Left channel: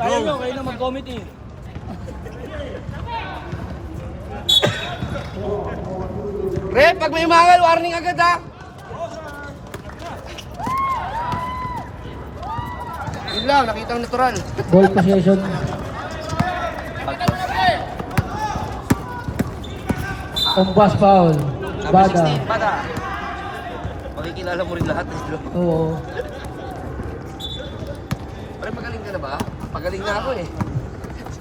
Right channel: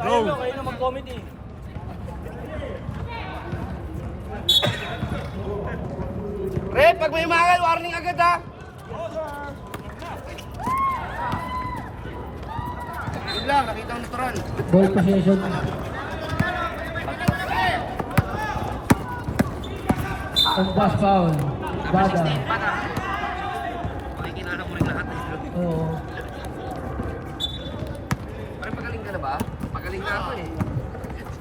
Go! Rep, pag may umangal, warning agad ha! Yun lang, nakitang natural. Ball possession. Ang pass foul. Bada. Bada. Makikilala mo rin lahat. Oo. Pre, pagaling ka na ba? Pagaling na ako eh.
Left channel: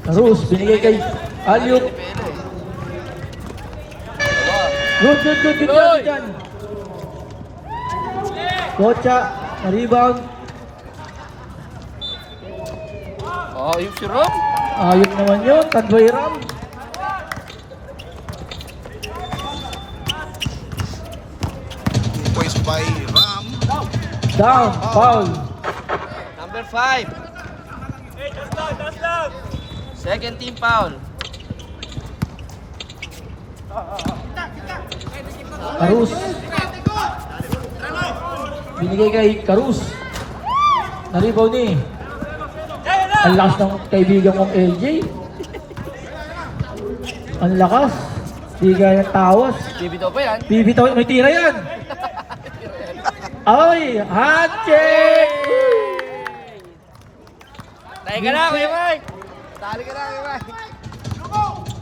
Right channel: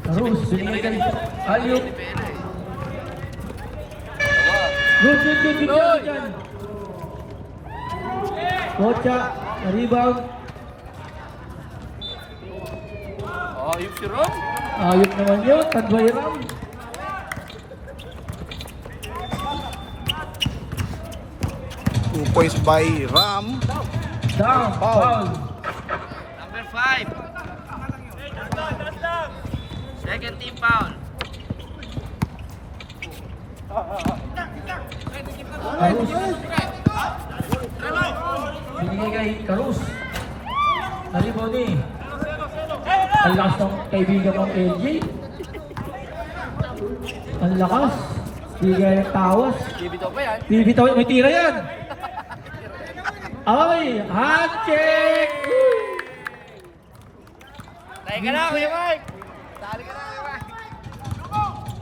Rus, binigay kay Alyok. Pele eh. Good. Good dyan. Kocha, na-rebound. Oh, yung si Rob. Ayok naman yun, Tagway Ram. Two points by Ram. Down, foul. Number 5. Second team foul. Karus. Binigay kay Karus. Na-rebound ni. Ang lakas ng kaibigan kong LJ. Ang lakas. Bigay ang tawas. Bibitaw ko yan. Bibitaw, may tira yan. Ay, handshake! Tayo ka na, Kuya Mark. Tali ka na, Kuya Mark.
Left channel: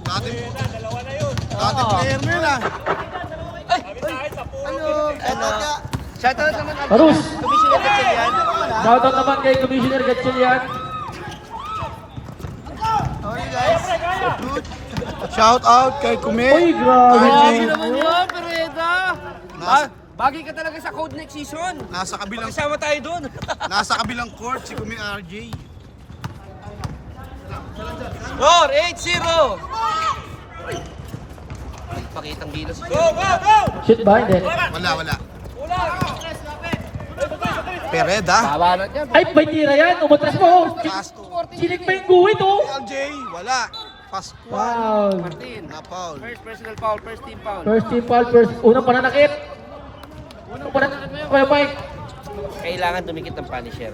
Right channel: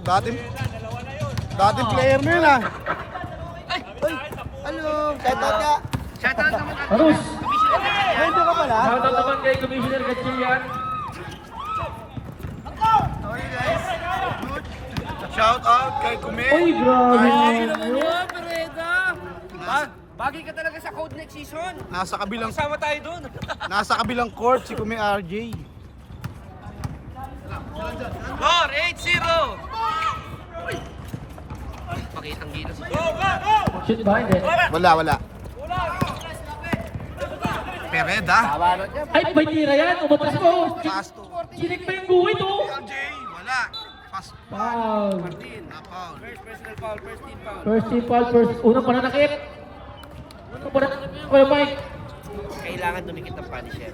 Dating player mo yun ah. Ano? Shoutout naman ako. Karus. Commissioner Gatchalian. Shoutout naman kay Commissioner Gatchalian. How are you guys? Good. Shout out kay Kume. Uy, grabe Grabe naman naman yun. yun, Pereda. Bagay ka talaga sa code next season. Nasa kabilang Kasama tayo dun. court si Kume RJ. 4-8-0. Pakitang gilas. Shoot ba? Hindi. Wala. Pereda. Tama na yan. Ay, may tira yan. Umatras mo. Fast to. Sinig pa yung guhit, oh. LJ. Wala. Fast one. Wow. Na foul. First personal foul, first team foul. First team foul, unang pananakit. Unang pananakit. Kuya Mike. Kailangan tumikit ng punisher.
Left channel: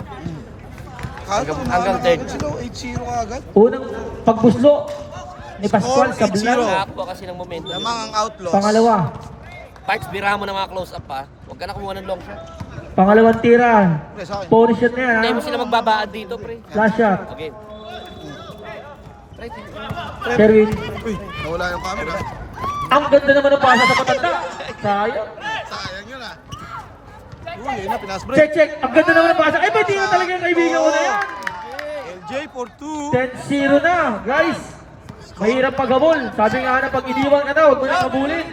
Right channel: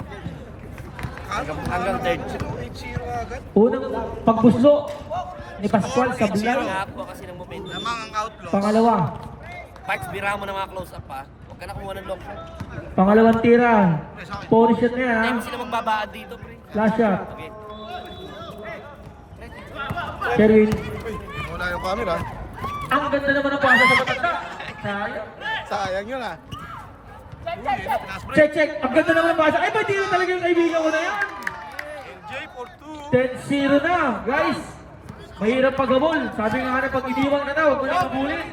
Hanggang third. 8-0 ka agad. Unang pagbuslo ni Pascual sa Blan. Nakakbo kasi ng momentum. Lamang ang outlaws. Pangalawa. Parks, bira mo ng mga close-up ha. Huwag ka na kumuha ng long shot. Pangalawang tira. Pony shot na yan, Hindi ha? mo sila magbabaad dito, pre. Flash shot. Okay. Sherwin. Nawala yung camera. Ang ganda naman ng pasa sa matanda. Sayang. Sayang yun ah. Uy, yun na, pinasbreak. Check. Ang ganda naman ng pasa. Ay, ba't di na talaga yung kaibigan ko na yan? LJ for 2. 10-0 na, guys. Mahirap paghabol. Sabi nga na pag iniwan ka na, huwag mo na kabulin.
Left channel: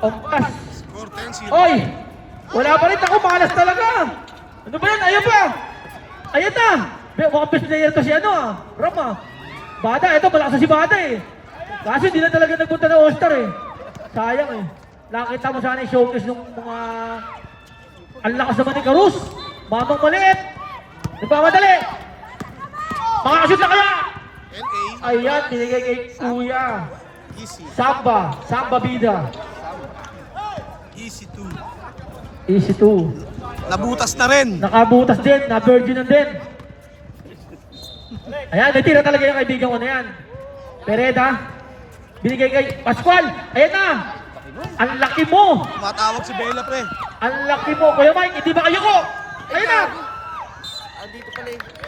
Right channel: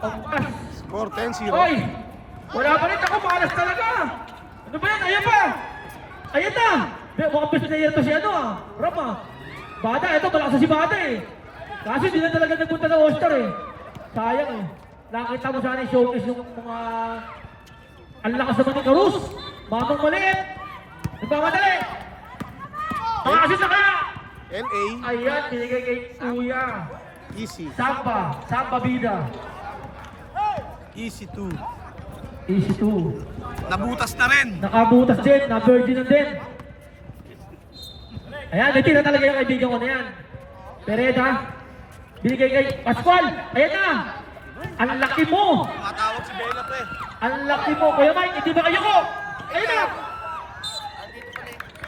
Ang pas. Score 10-0. Oy! Wala pa rin ako, malas talaga. Ano ba yan? Ayun pa. Ayun na. Mukhang best player to si ano ah. Ram ah. Bada, ito malakas na si Bada eh. Kasi hindi na talaga nagpunta ng All-Star eh. Sayang eh. Nakita mo sana yung showcase ng mga... Ang lakas naman ni Karus. Mamang maliit. Nagpamadali. Makakashoot na kaya. LA. Ayan, binigay kay Kuya. Easy. Samba Bida. Easy 2. Easy 2. Nabutas na rin. Nakabutas din, na-virgin na din. Ayan, natira talaga yung kaibigan ko na yan. Pereda, binigay kay Pascual. Ayan na. Ang laki mo. Matawag si Bella pre. Ang laki mo. Kuya Mike, hindi ba kayo ko? Ayan na.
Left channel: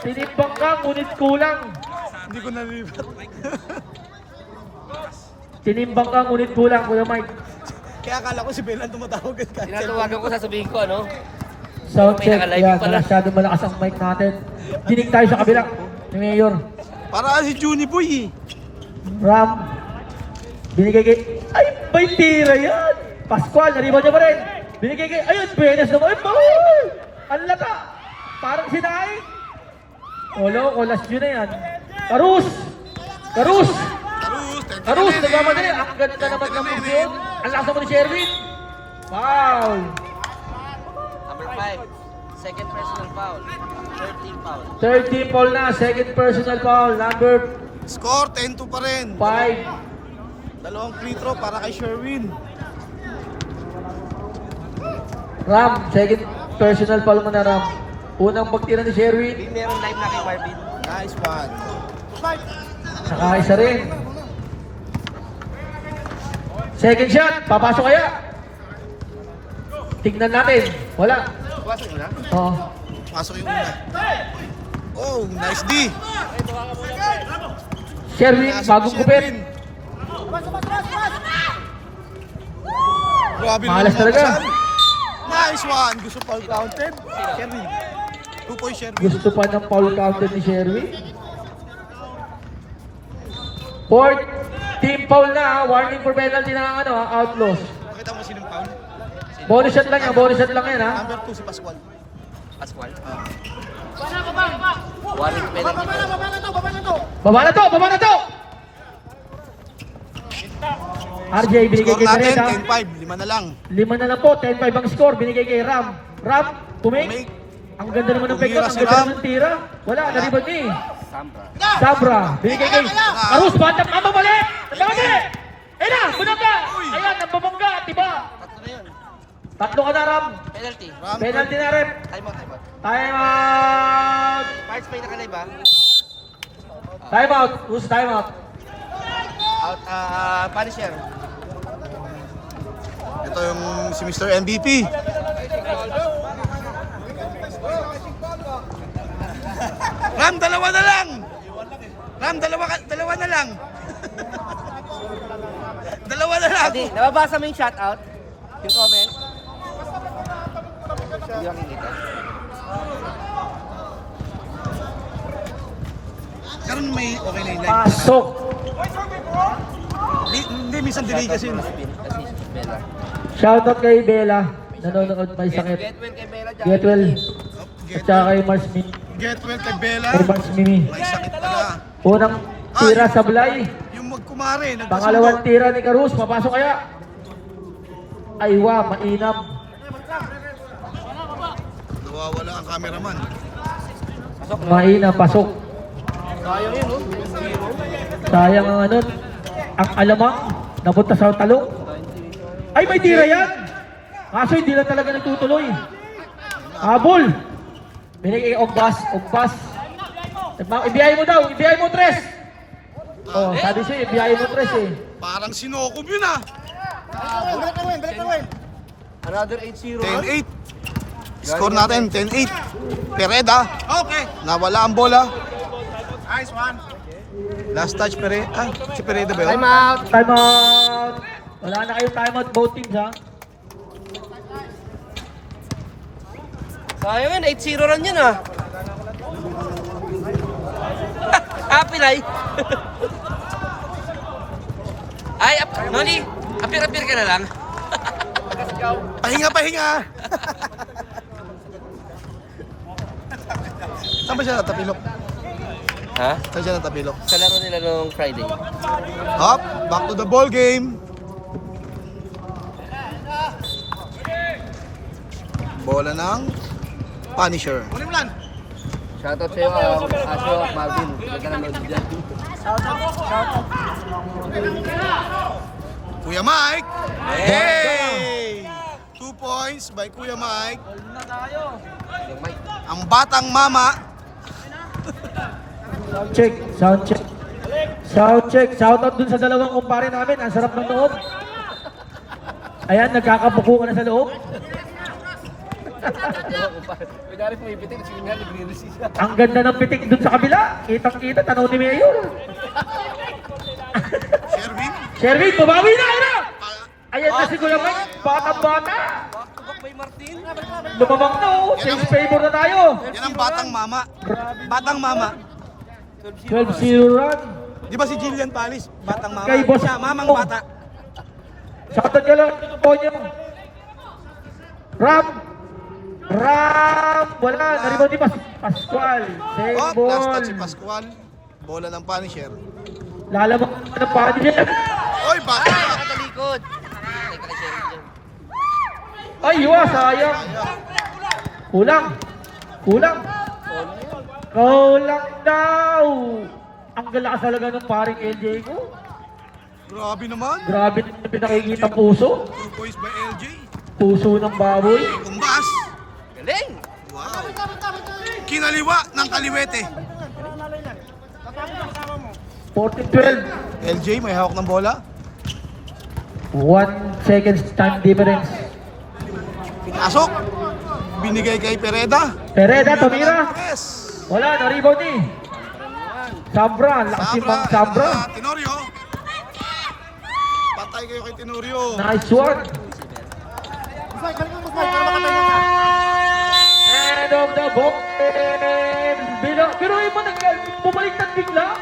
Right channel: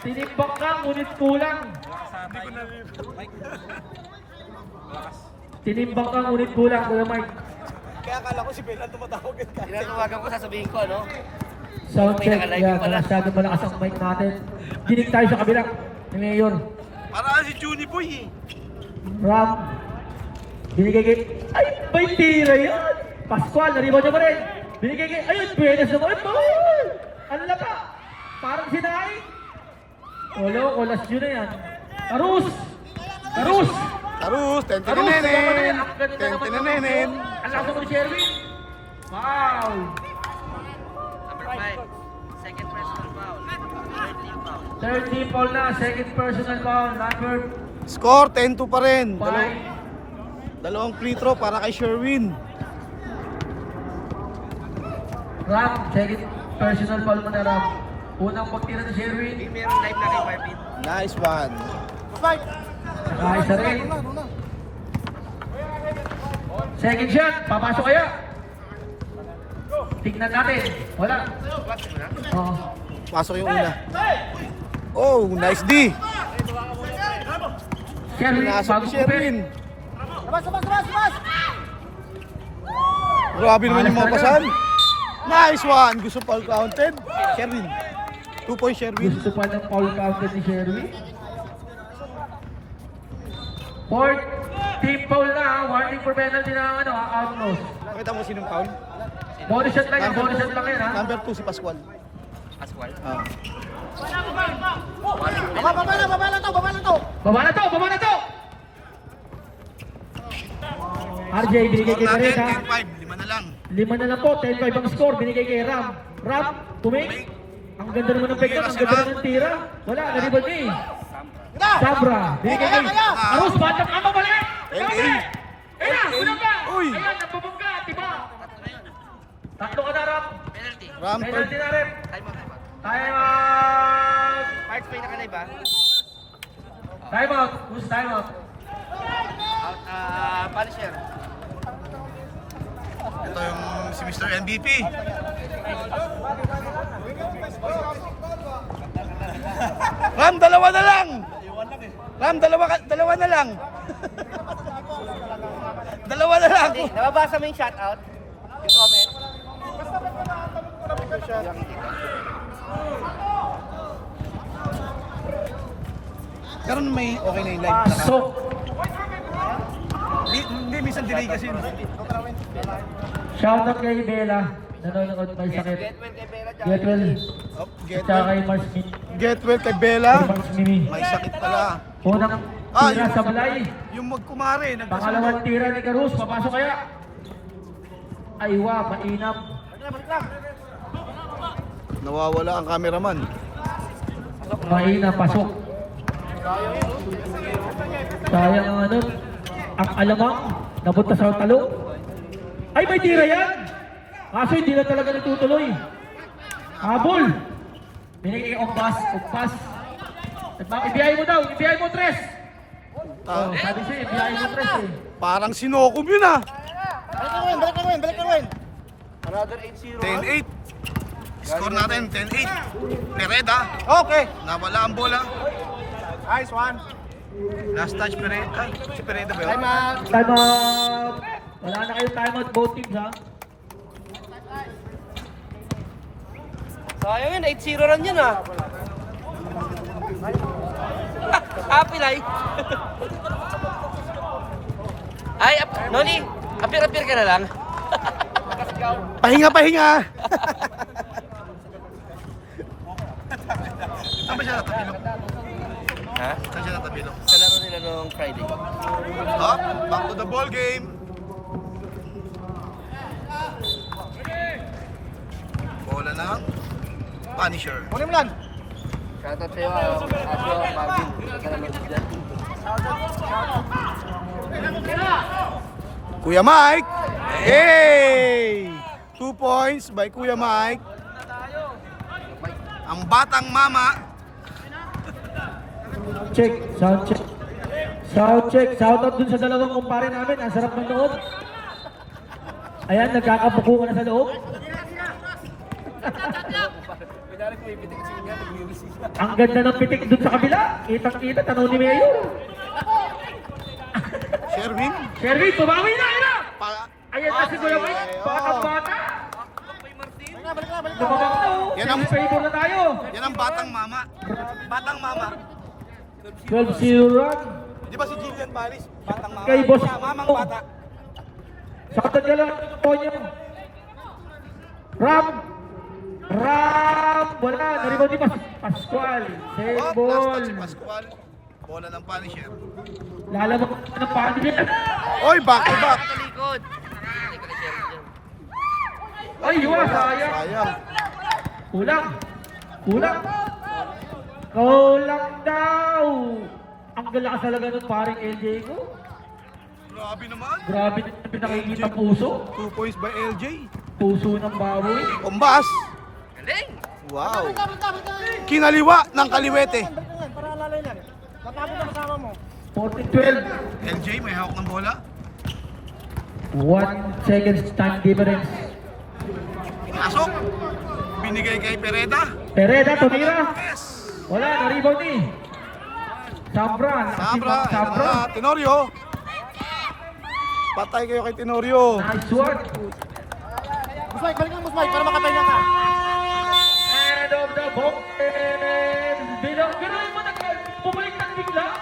Tinimbang ka, ngunit kulang. Hindi ko narinig. Tinimbang ka, ngunit kulang, Kuya Mike. Kaya akala ko si Bella tumatawag. Tinatawagan ko, sasabihin ko, ano? Sound check. Ayan, masyadong malakas ang mic natin. Dinig tayo sa kabila ni Mayor. Para si Juni Boy eh. Ram. Binigay kay... Ay, may tira yan! Pascual, naribaw niya pa rin. Binigay kay... Ayun, Benes naman. Ay, bawal! Ang lata! Parang sinaing. Olo, kulas yun na yan. Karus! Karus, Karus! Nagmamadali. Ang ganda naman ng motion. Ang lakas naman ni Sherwin. Foul! Number 5. Second personal foul. Third team foul. Third team foul na. Second personal foul. Number Score 10-2 pa rin. 5. Dalawang free throw para kay Sherwin. Ram, second personal foul mo na, Ram. Unang pagtira ni Sherwin. Meron live na kay Marvin. Nice one. Nakaisa rin. Second shot, papasok kaya? Tignan natin. Wala. Buwasan mo na. Oo. Pasok yung una. Oh, nice D. Sherwin, bagong kupin. Grabe naman Malas yung mga talaga. pasan. Nice one. Gusto pa counted. Sherwin. 2 points Sherwin. Gusto pa ng foul counter ni Sherwin. Fourth, team foul na ha. Warning for penalty na ano, outlaws. Nakita mo sinong foul? Bonus shot lang yan, bonus shot lang yan ha. Number 2 si Pascual. Pascual. Baba na to! RJ, binigay kay Score Jared ha. natin, 10-5. 5 na lang. 5 na lang po, 10-5 ang score, binigay kay Ram. Ram, tumik. Ang ganda naman ng pektot, ang ganda naman ng tira. Wala, naribad ni. Sabra, binigay kay Arus, batang ka mabali! Mabali! Ela, sunod ka! Uy. Ayan, nababangga, diba? Tatlo na yun. Tatlo ka na, Ram. Penalty. Ram, Penalty na, Rem. Time out, time out. Time out! Parts pa yung nakalive ha. Time out! Who's time out? Out, Punisher. ito yung si Mr. MVP. Ram, dalawa na lang. Ram, dalawa na lang. Dalawa na lang. Hindi, nababasa mo yung shoutout? Yung comment? Karon may okay na yung live. So, Hindi, minsan delay kasi yun. shoutout kay Bella. Nanonood pa sakit. Get well. Oh, At saka kay Mars Mini. Get well kay Bella. Kay Mars Mini. May sakit pala. Unang tira sa Blay. Yung magkumare, Pangalawang tira ni Carus. Papasok kaya? Aywa, mainam. Nawawala ang cameraman. Mainam, pasok. Sayang ang ano, ang alamang napunta sa talong. Ay, may tira yan! Kaso hindi na talaga natutuloy. Habol! Binigay Ogbas. Ibiyahe mo daw, ibiyahe mo tres! Oh, sabi siya, ibiyahe mo tres eh. Parang sinokom yun ah. Another 8-0. 10-8. Score natin, 10-8. Pereda. Okay. Nawala ang bola. Nice one. Last touch Pereda. Ay, si Pereda ba yun? Time out. Time out! Wala na kayong time out both teams ha. Sayang yun, 8-0 lang yun ah. Happy life. Ay, Noni, apir-apir ka na lang. Pahinga. Saan ba siya natapilok? Ha? Saan siya natapilok? Sa laro nila nung Friday. Up, back to the ball game. Bola ng Punisher. Ano mo lang? Shoutout sa'yo, Asyo, Marvin. Kuya Mike. Hey! 2 points by Kuya Mike. Ang batang mama. Check, sound check. Sound check, shout out dun sa dalawang kumpare namin. Ang sarap ng loob. Ayan, nagkakabuko ka na sa loob. Ang ganda ng pitik dun sa kabila. Kitang-kita, tanaw ni Mayor. Sherwin. Sherwin, tumawi na kayo! Ayan kasi ko naman, batang-bata. Lumabang na oh, Yan ang- in favor na tayo. Yan ang batang mama. Batang mama. 12-0 run. Di ba si Jillian Palis? Batang mama. Kay Boss Siya, mamang Mo. bata. Shoutout ka lang, Tonyo. Ram! Wala, naribaw ni Pascual. Save Oh, last ball. touch si Pascual. Bola ng Punisher. Lalamang ng padi niya. Oy, bakit Ay, ba? nakatalikod. Teka kay Sherwin dyan. Ay, sayang. Ayun. Kulang. Kulang daw. Ang galakas talaga ng paring LJ ko. Grabe naman. Grabe na pinakikita puso. 2 points by LJ. Puso ng baboy. Kumbas. Galing. Wow. Kinaliwa ng kaliwete. 14-12. LJ may hawak ng bola. 1 seconds time difference. Pasok. Binigay kay Pereda. Pereda, tumira. Yes. Wala, no-rebound ni. Sabra, lakas ni Sabra. Mang Sabra. Tenorio. Patay kayo kay Tenorio. Nice one. End of the ball. Pero yung mo bumaliktad bigla.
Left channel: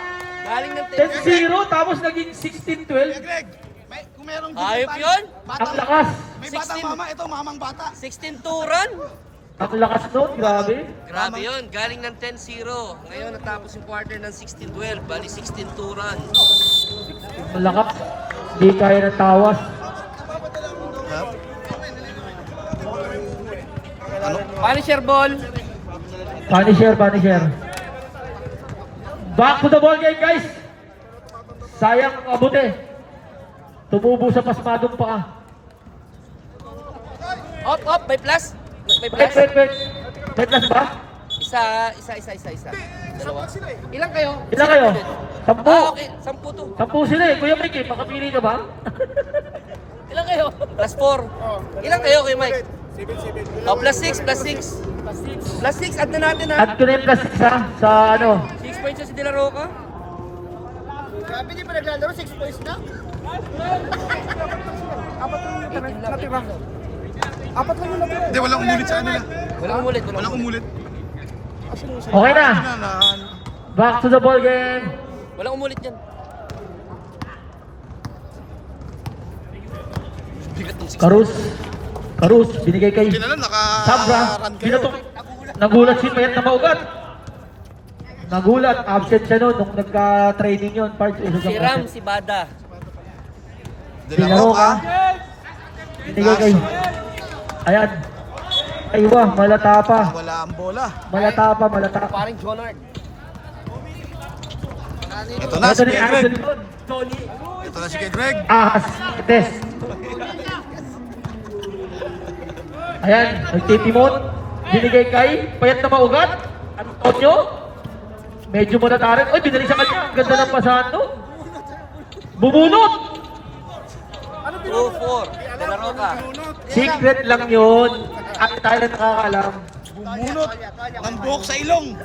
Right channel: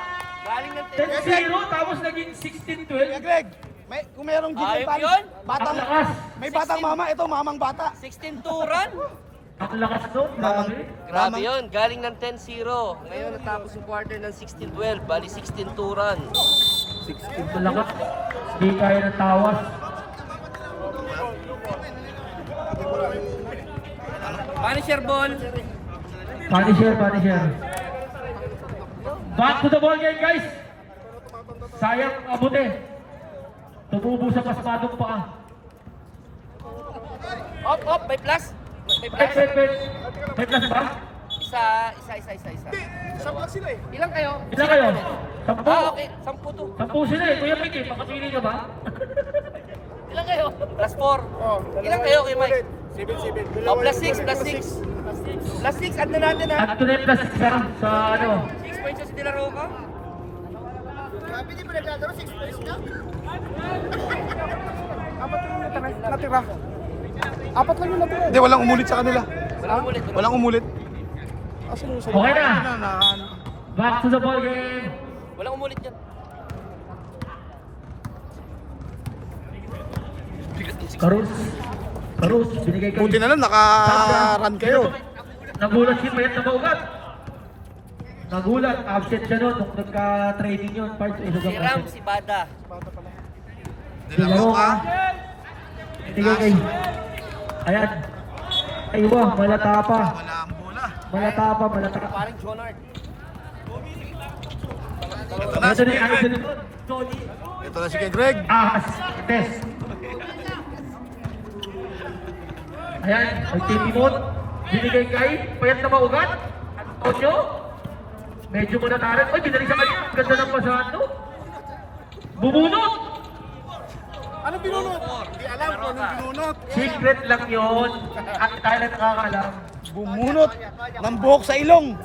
Galing ng 10-0 tapos naging 16-12. Greg, kung mayroong Ayop yun. Ang lakas. May batang mama, ito mamang bata. 16 turan. Ang lakas doon, grabe. Grabe yun. Galing ng 10-0. Ngayon natapos yung quarter ng 16-12. Bali 16 turan. Ang lakas. Di kaya ng tawas. Punisher ball. Punisher. Back to the ball game, guys. Sayang ang abuti. Tumubo sa pasmadong paa. Up. May plus. May Wait. plus. May plus ba? Isa. Ilang kayo? Ilan kayo? 10. Okay. 10 to. 10 sila eh. Kuya Mike, makapili ka ba? Ilang kayo? Plus 4. Ilang kayo kay Mike? 7. Oh, plus 6. Plus 6. Add na natin ha. At ko na yung plus 6 ha, sa ano. 6 points yung si De La Roca. Grabe, di pa naglalaro, 6 points na. Apat lang yung natira. Apat lang yung natira. Hindi, walang umulit sa kanila. Walang umulit. Okay na. Ano. Back to the ball game. Walang umulit yan. Karus, binigay kay Buti na lang, Sabra. naka-run kayo. Nagulat si Mayat na maugat. Nagulat, absent siya noon nung nagka-training yun. Parts, Si Ram, si Bada. De La Roca. Binigay kay... Ayan. Aywa, malata pa. Wala ang bola. Malata pa. Paring Jonard. Ito na Ito si ni Kay Anthony. Greg. Ito na si Kay Greg. Test. Ayan, magtitimon. Binigay kay Payat na maugat. Ang taon nyo. Medyo manatarin. Oh, dinali sa kanya. Ang ganda ng pasahan to. Bubunot. 2-4. De La Roca. Secret lang yun. At tayo na nakakaalam. Bumunot ng buhok sa ilong.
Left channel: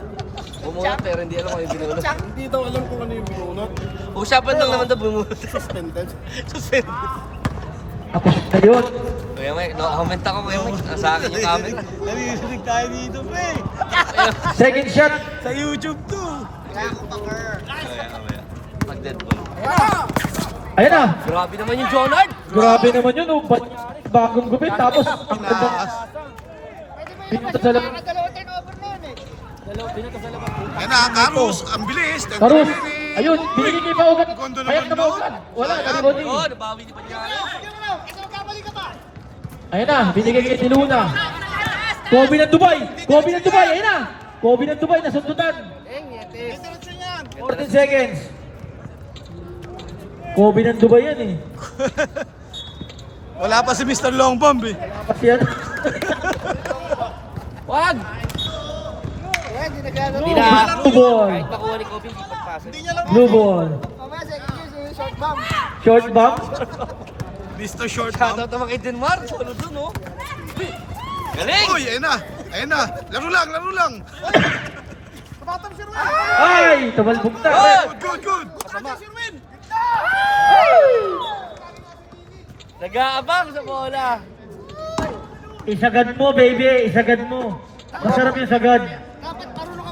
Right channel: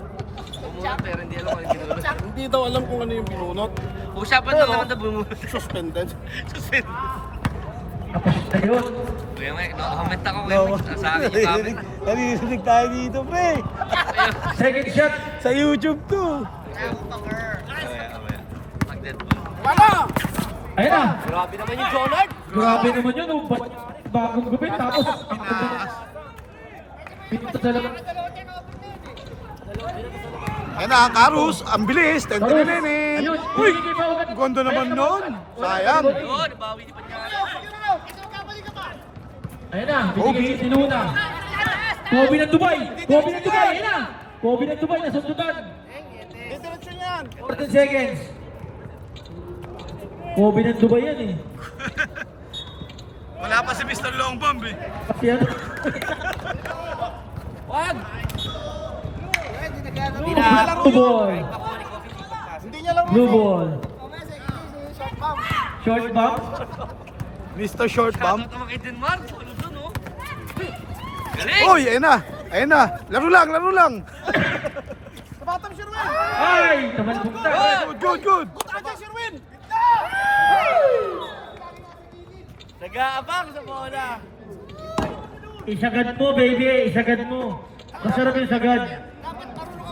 Bumunot pero hindi alam kung ano yung binunot. Hindi daw alam kung ano yung binunot. Usapan lang naman daw bumunot. Suspended. Ako na yun. Kuya Mike, no-comment ako Kuya Mike. Nasa akin yung comment. Narinig tayo dito, pre. Second shot. Sa YouTube to. Pag-dead ball. Ayan na. Grabe naman yung Jonard. Grabe naman yun. Oh. Bagong gupit. Tapos ang ganda. Dito sa labas. Yan na, Karus. Ang bilis. 10 to Karus. minutes. Ayun. Binigay pa ugat. Gondo naman nun. Sayang. Yun, nabawi ni Panyari. Ayan na. Binigay kay Tiluna. Kobe ng Dubai. Ayan na. Kobe ng Dubai. Nasundutan. 14 seconds. Kobe ng Dubai yan eh. Wala pa si Mr. Long Bomb eh. Kasi ano. Wag! Blue ball. Kahit nakuha ni Kobe, hindi pagpasok. Blue ball. Short bump. Mr. Short Shoutout Bomb. naman kay Denmark. Sunod dun, oh. Galing! Uy, ayan na. Ayan na. Laro lang. Ay! Tumalbog na. Good. Nag-aabang sa bola. Isagad mo, baby. Isagad mo. Masarap yung sagad.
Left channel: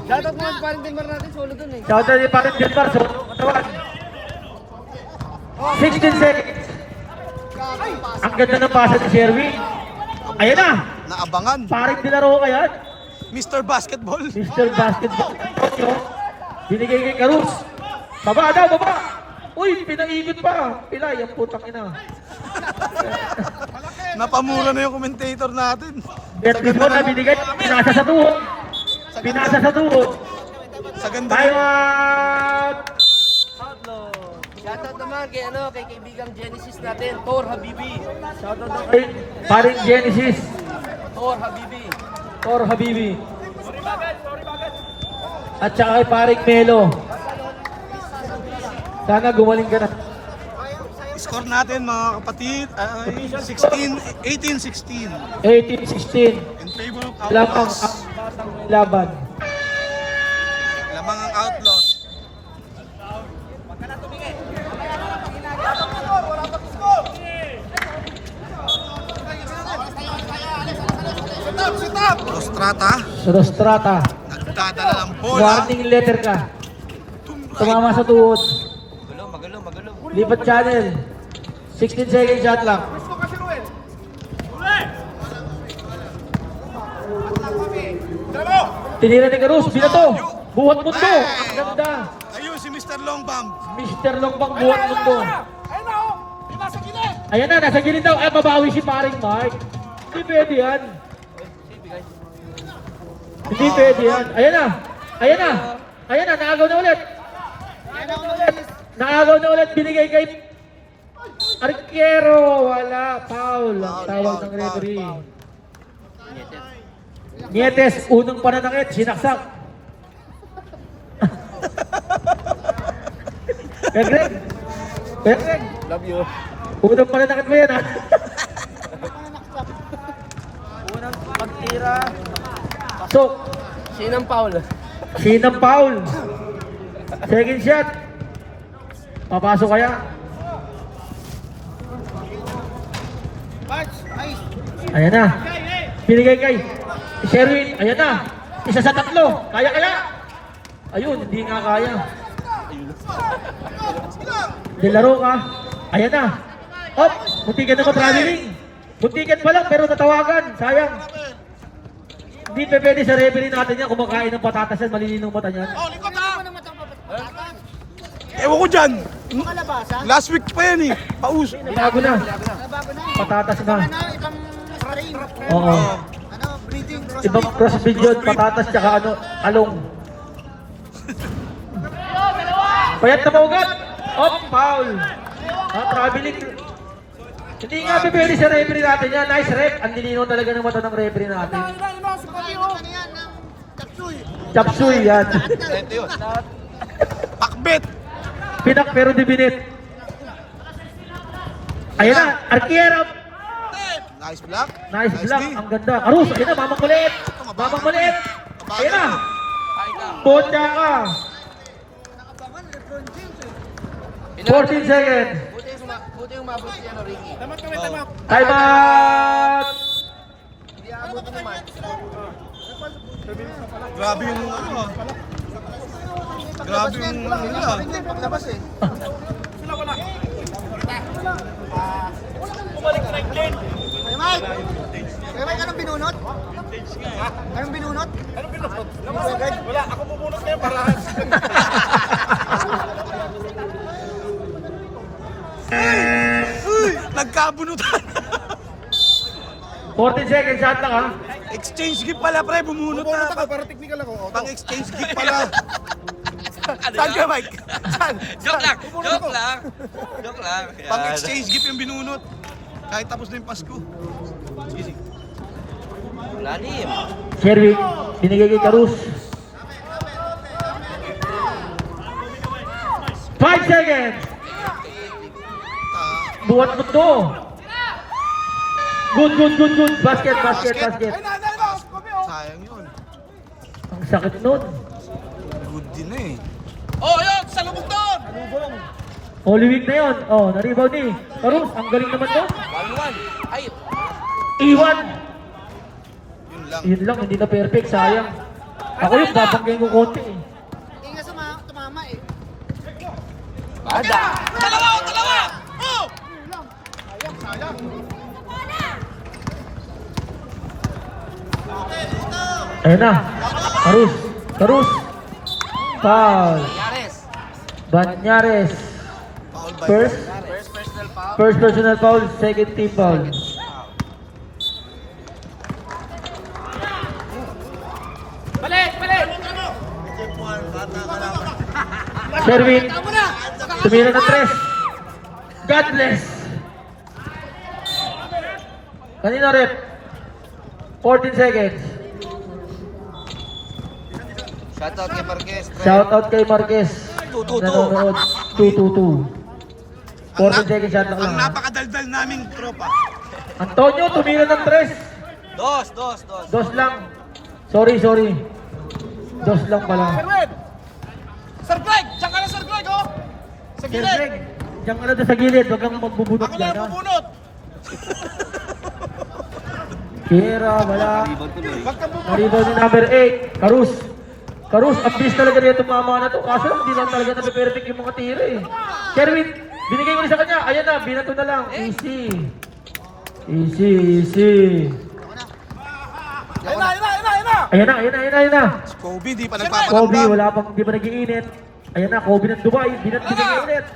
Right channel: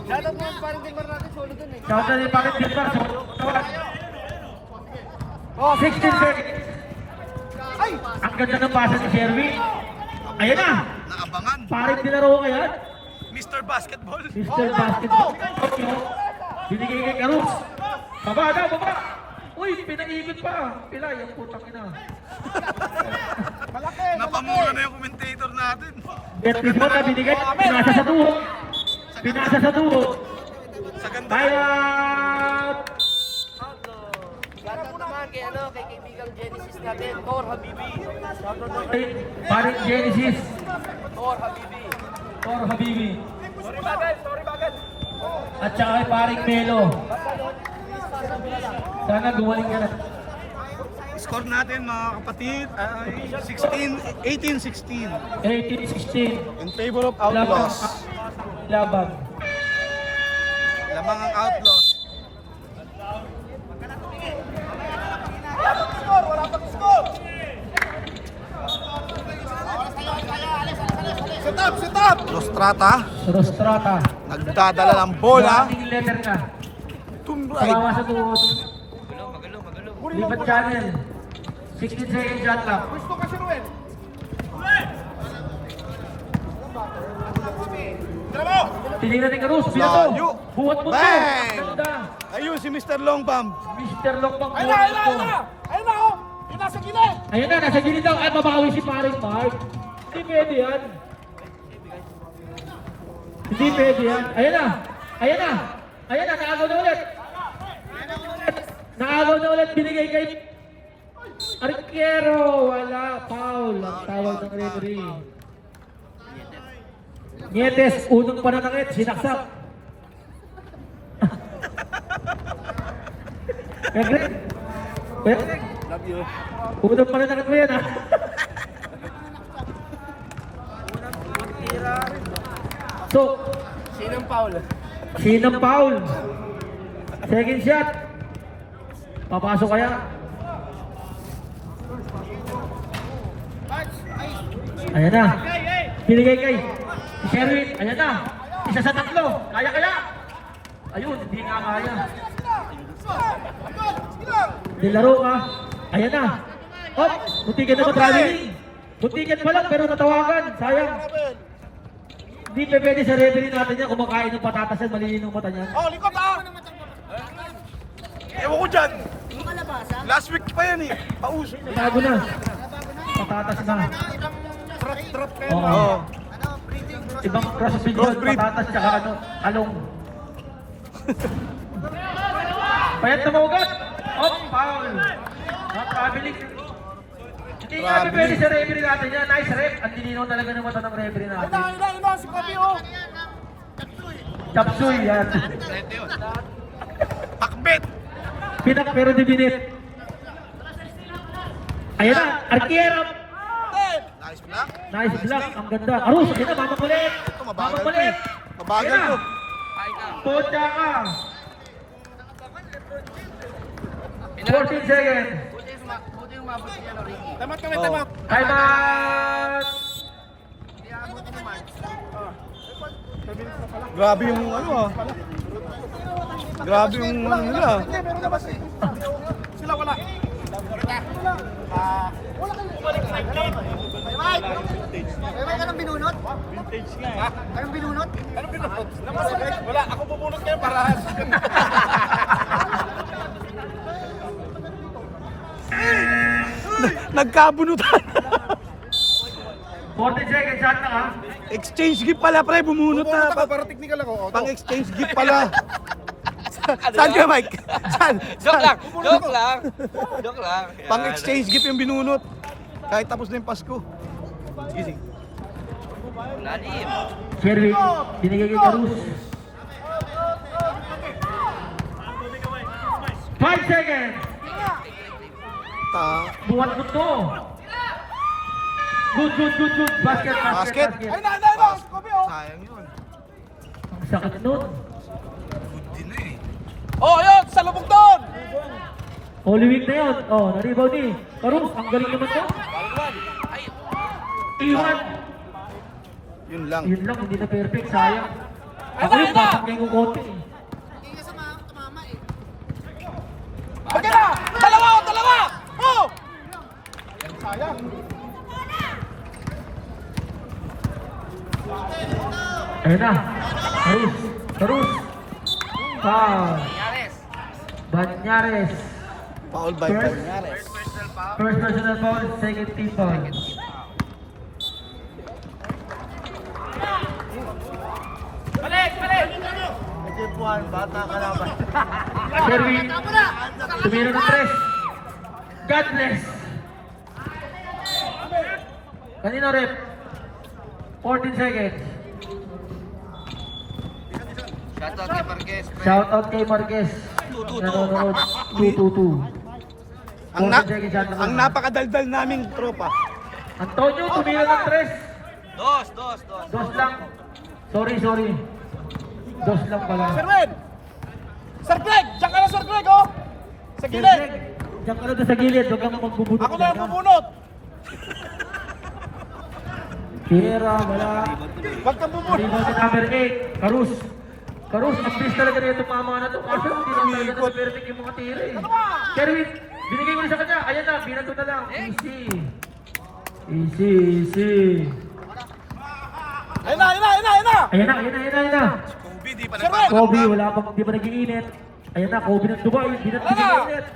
Shoutout naman parang Denmark natin. Solo dun eh. Shout out ni Parang Gilmar. 16 seconds. Ang ganda ng pasa ni Sherwin. Ayan na. Naabangan. Parang dinaro ka yan. Mr. Basketball. Mr. Basketball. Binigay kay Karus. Baba. Uy, pinaikot pa. Pilay, ang putang ina. Napamura na yung commentator natin. Beatrice mo na binigay. Pinasa sa tuhod. Sa ganda. Time out! Shoutout naman kay kaibigang Genesis natin, Thor Habibi. Parang Genesis. Thor Habibi. Or Habibi. at saka kay paring Melo. Sana gumaling ka na. Score natin mga kapatid ay 18-16 18-16. in favor of Lamang Outlaws. laban. Lamang ang Outlaws. Rostrata, Rostrata. nagdadala ng bola. Warning letter ka. Tumblay. Tumama sa tuhod. Magalo. Lipat channel. 16 seconds shot clock. Gusto kasi Ruel. Tinira ni Carus. Binato. Buhat mo to. Ganda. Ayun si Mr. Longbam. Mr. Longbang buhat mo to. Ayun na oh. Yung nasa gilid. Ayan na, nasa gilid daw. Ay, mabawi si paring Mark. Hindi pwede yan. Hindi pwede yan. Ayan na. Ayan na. Ayan na, naagaw na ulit. Naagaw na ulit. Binigay kay Arquero. Wala. Foul. Ang tawag ng referee. Nietes, unang pananakit. Sinaksak. Greg. Greg. Love you. Unang pananakit mo yan ha. So, Sinang Paul. Sinang Paul. Second shot. Papasok kaya? Ayan na. Binigay kay Sherwin. Ayan na. Isa sa tatlo. Kaya kaya? Ayun, hindi nga kaya. Dilaro ka. Ayan na. Op, muntikan na traveling. Muntikan pa lang pero natawagan. Sayang. Hindi pa pwede sa referee natin yan. Kumakain ng patatas yan. Malilinong mata niyan. Oh, likod na! Ewan ko dyan. Last week pa yan eh. Paus. Bago na. Patatas na. Oo. Oh. Ibang crossfit yun. Patatas tsaka ano, along. Payat na maugat. Oh, foul. Traveling. Hindi nga bibili sa referee natin yan. Nice rep. Ang nilinaw talaga ng mata ng referee natin. Ina, si Papi oh. Chapsuy yan. Ito yun. Pakbet. Pinak pero di binit. Ayan na. Arquero. Nice block. Nice block. Ang ganda. Arus. Ayan na. Mamakulit. Ito, mabagal to. Mamakulit. Mabagal Ayan na. to. Punta ka. 14 seconds. Buti yung mabot siya na Ricky. Tamat kami, tamat. Time out. Hindi aabot ng match. Kabilis na pala. Grabe yung ano ah. Grabe yung ano ah. Hindi, pero labas eh. Sila wala. Anong pinunot? Wala, ako pupunot kayo para. Nagkabunutan. 14 seconds shot lang ha. Exchange gift pala pre. Bumunot Pupunot na. ako para technical ako. Oh, Pang exchange gift pala. Saan ka, Mike? Saan? Joke lang! Joke lang! Joke lang! Pang exchange gift yung binunot. Kahit tapos na yung Pasko. Easy. Lalim! Sherwin, binigay kay Carus. 5 seconds. Buhat mo to. Good. Basket. Basket. Sayang yun. Ang sakit nun. Good din na eh. Oh, yun! Salubog doon! Holy week na yun. Oh, na-rebound ni Carus. Ang galing naman to. Iwan. Yun lang. Yun lang, hindi na perfect. Sayang. Ako yung papanggang ko konti eh. Dalawa! Oh! Ayan na. Carus. Foul. Yares! Banyares. Foul by First. Personal foul. First personal foul, second team foul. Sherwin, tumira na 3. God bless. Kanina rep. 14 seconds. Shoutout kay Marquez. Shoutout kay Marquez. 222. 40 seconds shot na Ang lang. napakadaldal namin tropa. Antonio, tumira ng 3. Dos lang. Sorry. Dos lang pala. Sir Greg! Diyan ka na, Sir Greg, oh! Sa Sir gilid! Greg, diyan ka na doon sa gilid. Huwag kang magbubunot Ako na dyan, ang ha? bubunot! Kira, wala. Huwag ka bubunot! Rebound ni number 8. Karus, updates talaga rin itong mama na to. Kaso hindi lang talaga na-perfect yung mga tira eh. Kerwin, binigay ko rin sa kanya. Ayan na, binato na lang. Easy. Ayan na. Si Kobe, di pa Kobe, nagpaparamdam. di pa nag-iinit. Ayan na, Kobe ng Dubai. Binigay ulit.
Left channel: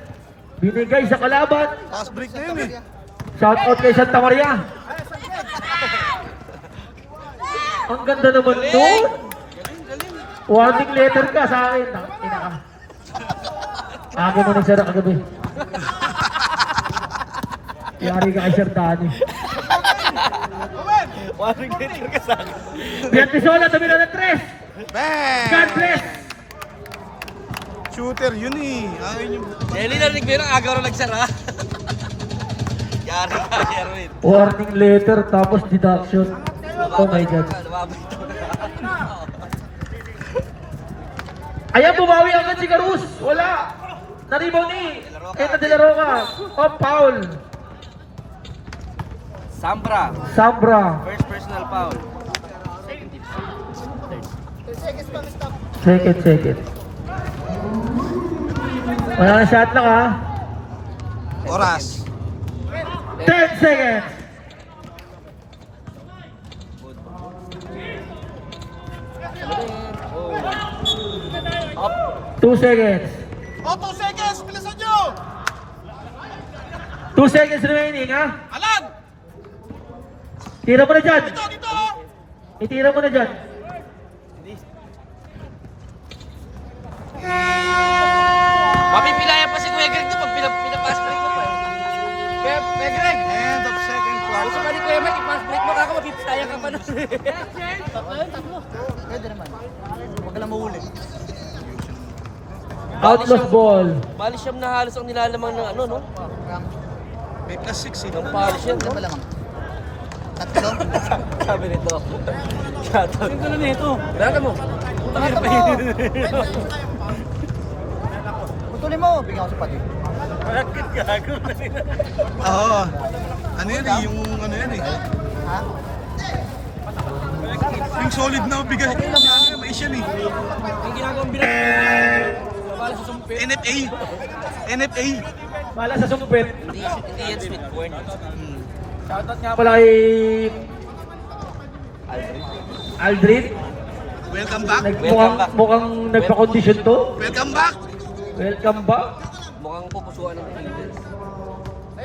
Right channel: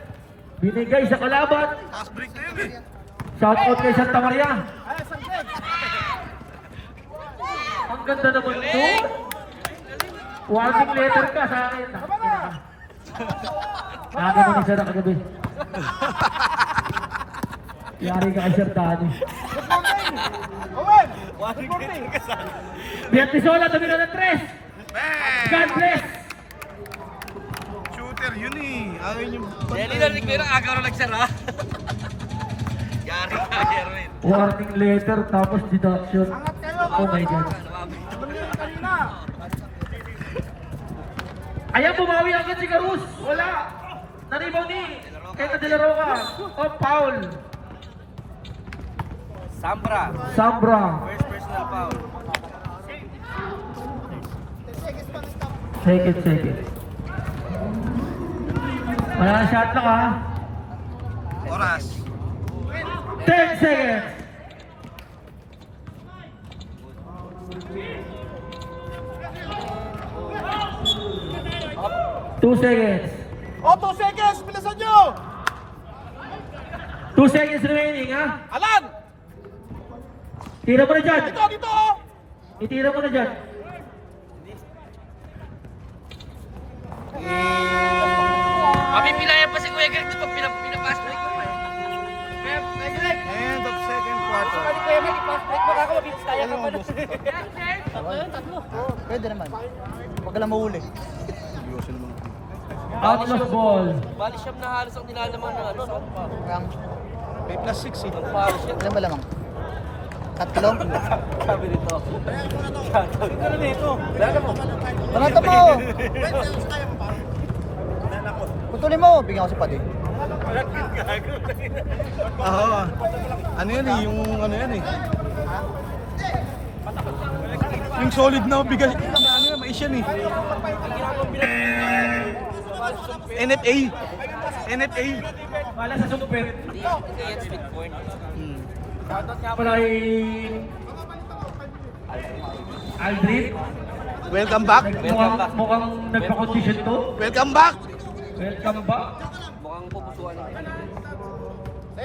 Binigay sa kalaban. Fast break na yun eh. Shout out kay Santa Maria. Ang ganda naman doon. Warning letter ka sa akin. Ako mo na sir, kagabi. Yari ka kay Sir Danny. Warning letter ka sa akin. Biantisola, tumira ng 3. Man! God bless. Shooter yun eh. Ayaw yung Narinig ko yun, agaw na nagsara. Yari ka, Kerwin. Warning letter, tapos deduction. Oh my God. Ayan, bumawi agad si Carus. Wala. Naribaw ni. Kaya De La Roca. Oh, foul. Sambra. First personal foul. Second. Wala na shot lang ha. oras. 10 seconds. Two seconds. Oh, 2 seconds! Bilisan nyo! 2 seconds remaining ha. Alan! Tira mo na dyan. Dito, oh! Itira mo na dyan. Mapipilaya pa si Kuya Greg doon pag pinapass break mo pa eh. Kuya Greg! End of second quarter. Kuya Greg, i-pass break mo ako, mapipilaya ka pa doon. Outlaws ball. Palisham na halos ang nilalamang ng ano, no? May plus 6 eh. Palisham. Ganda lang. Tatlong? Sabi nito. Sino ka nito? Lala mo. Putulin mo, bigyan ko sa pati. Oo. Ano yan eh, yung ano yan eh. Yung solid na bigas, ano yan, mais yan eh. NFA. Wala sa sumpit. Wala kay Aldrin. Welcome back. Mukhang nagpa-condition to. Welcome back. Welcome back.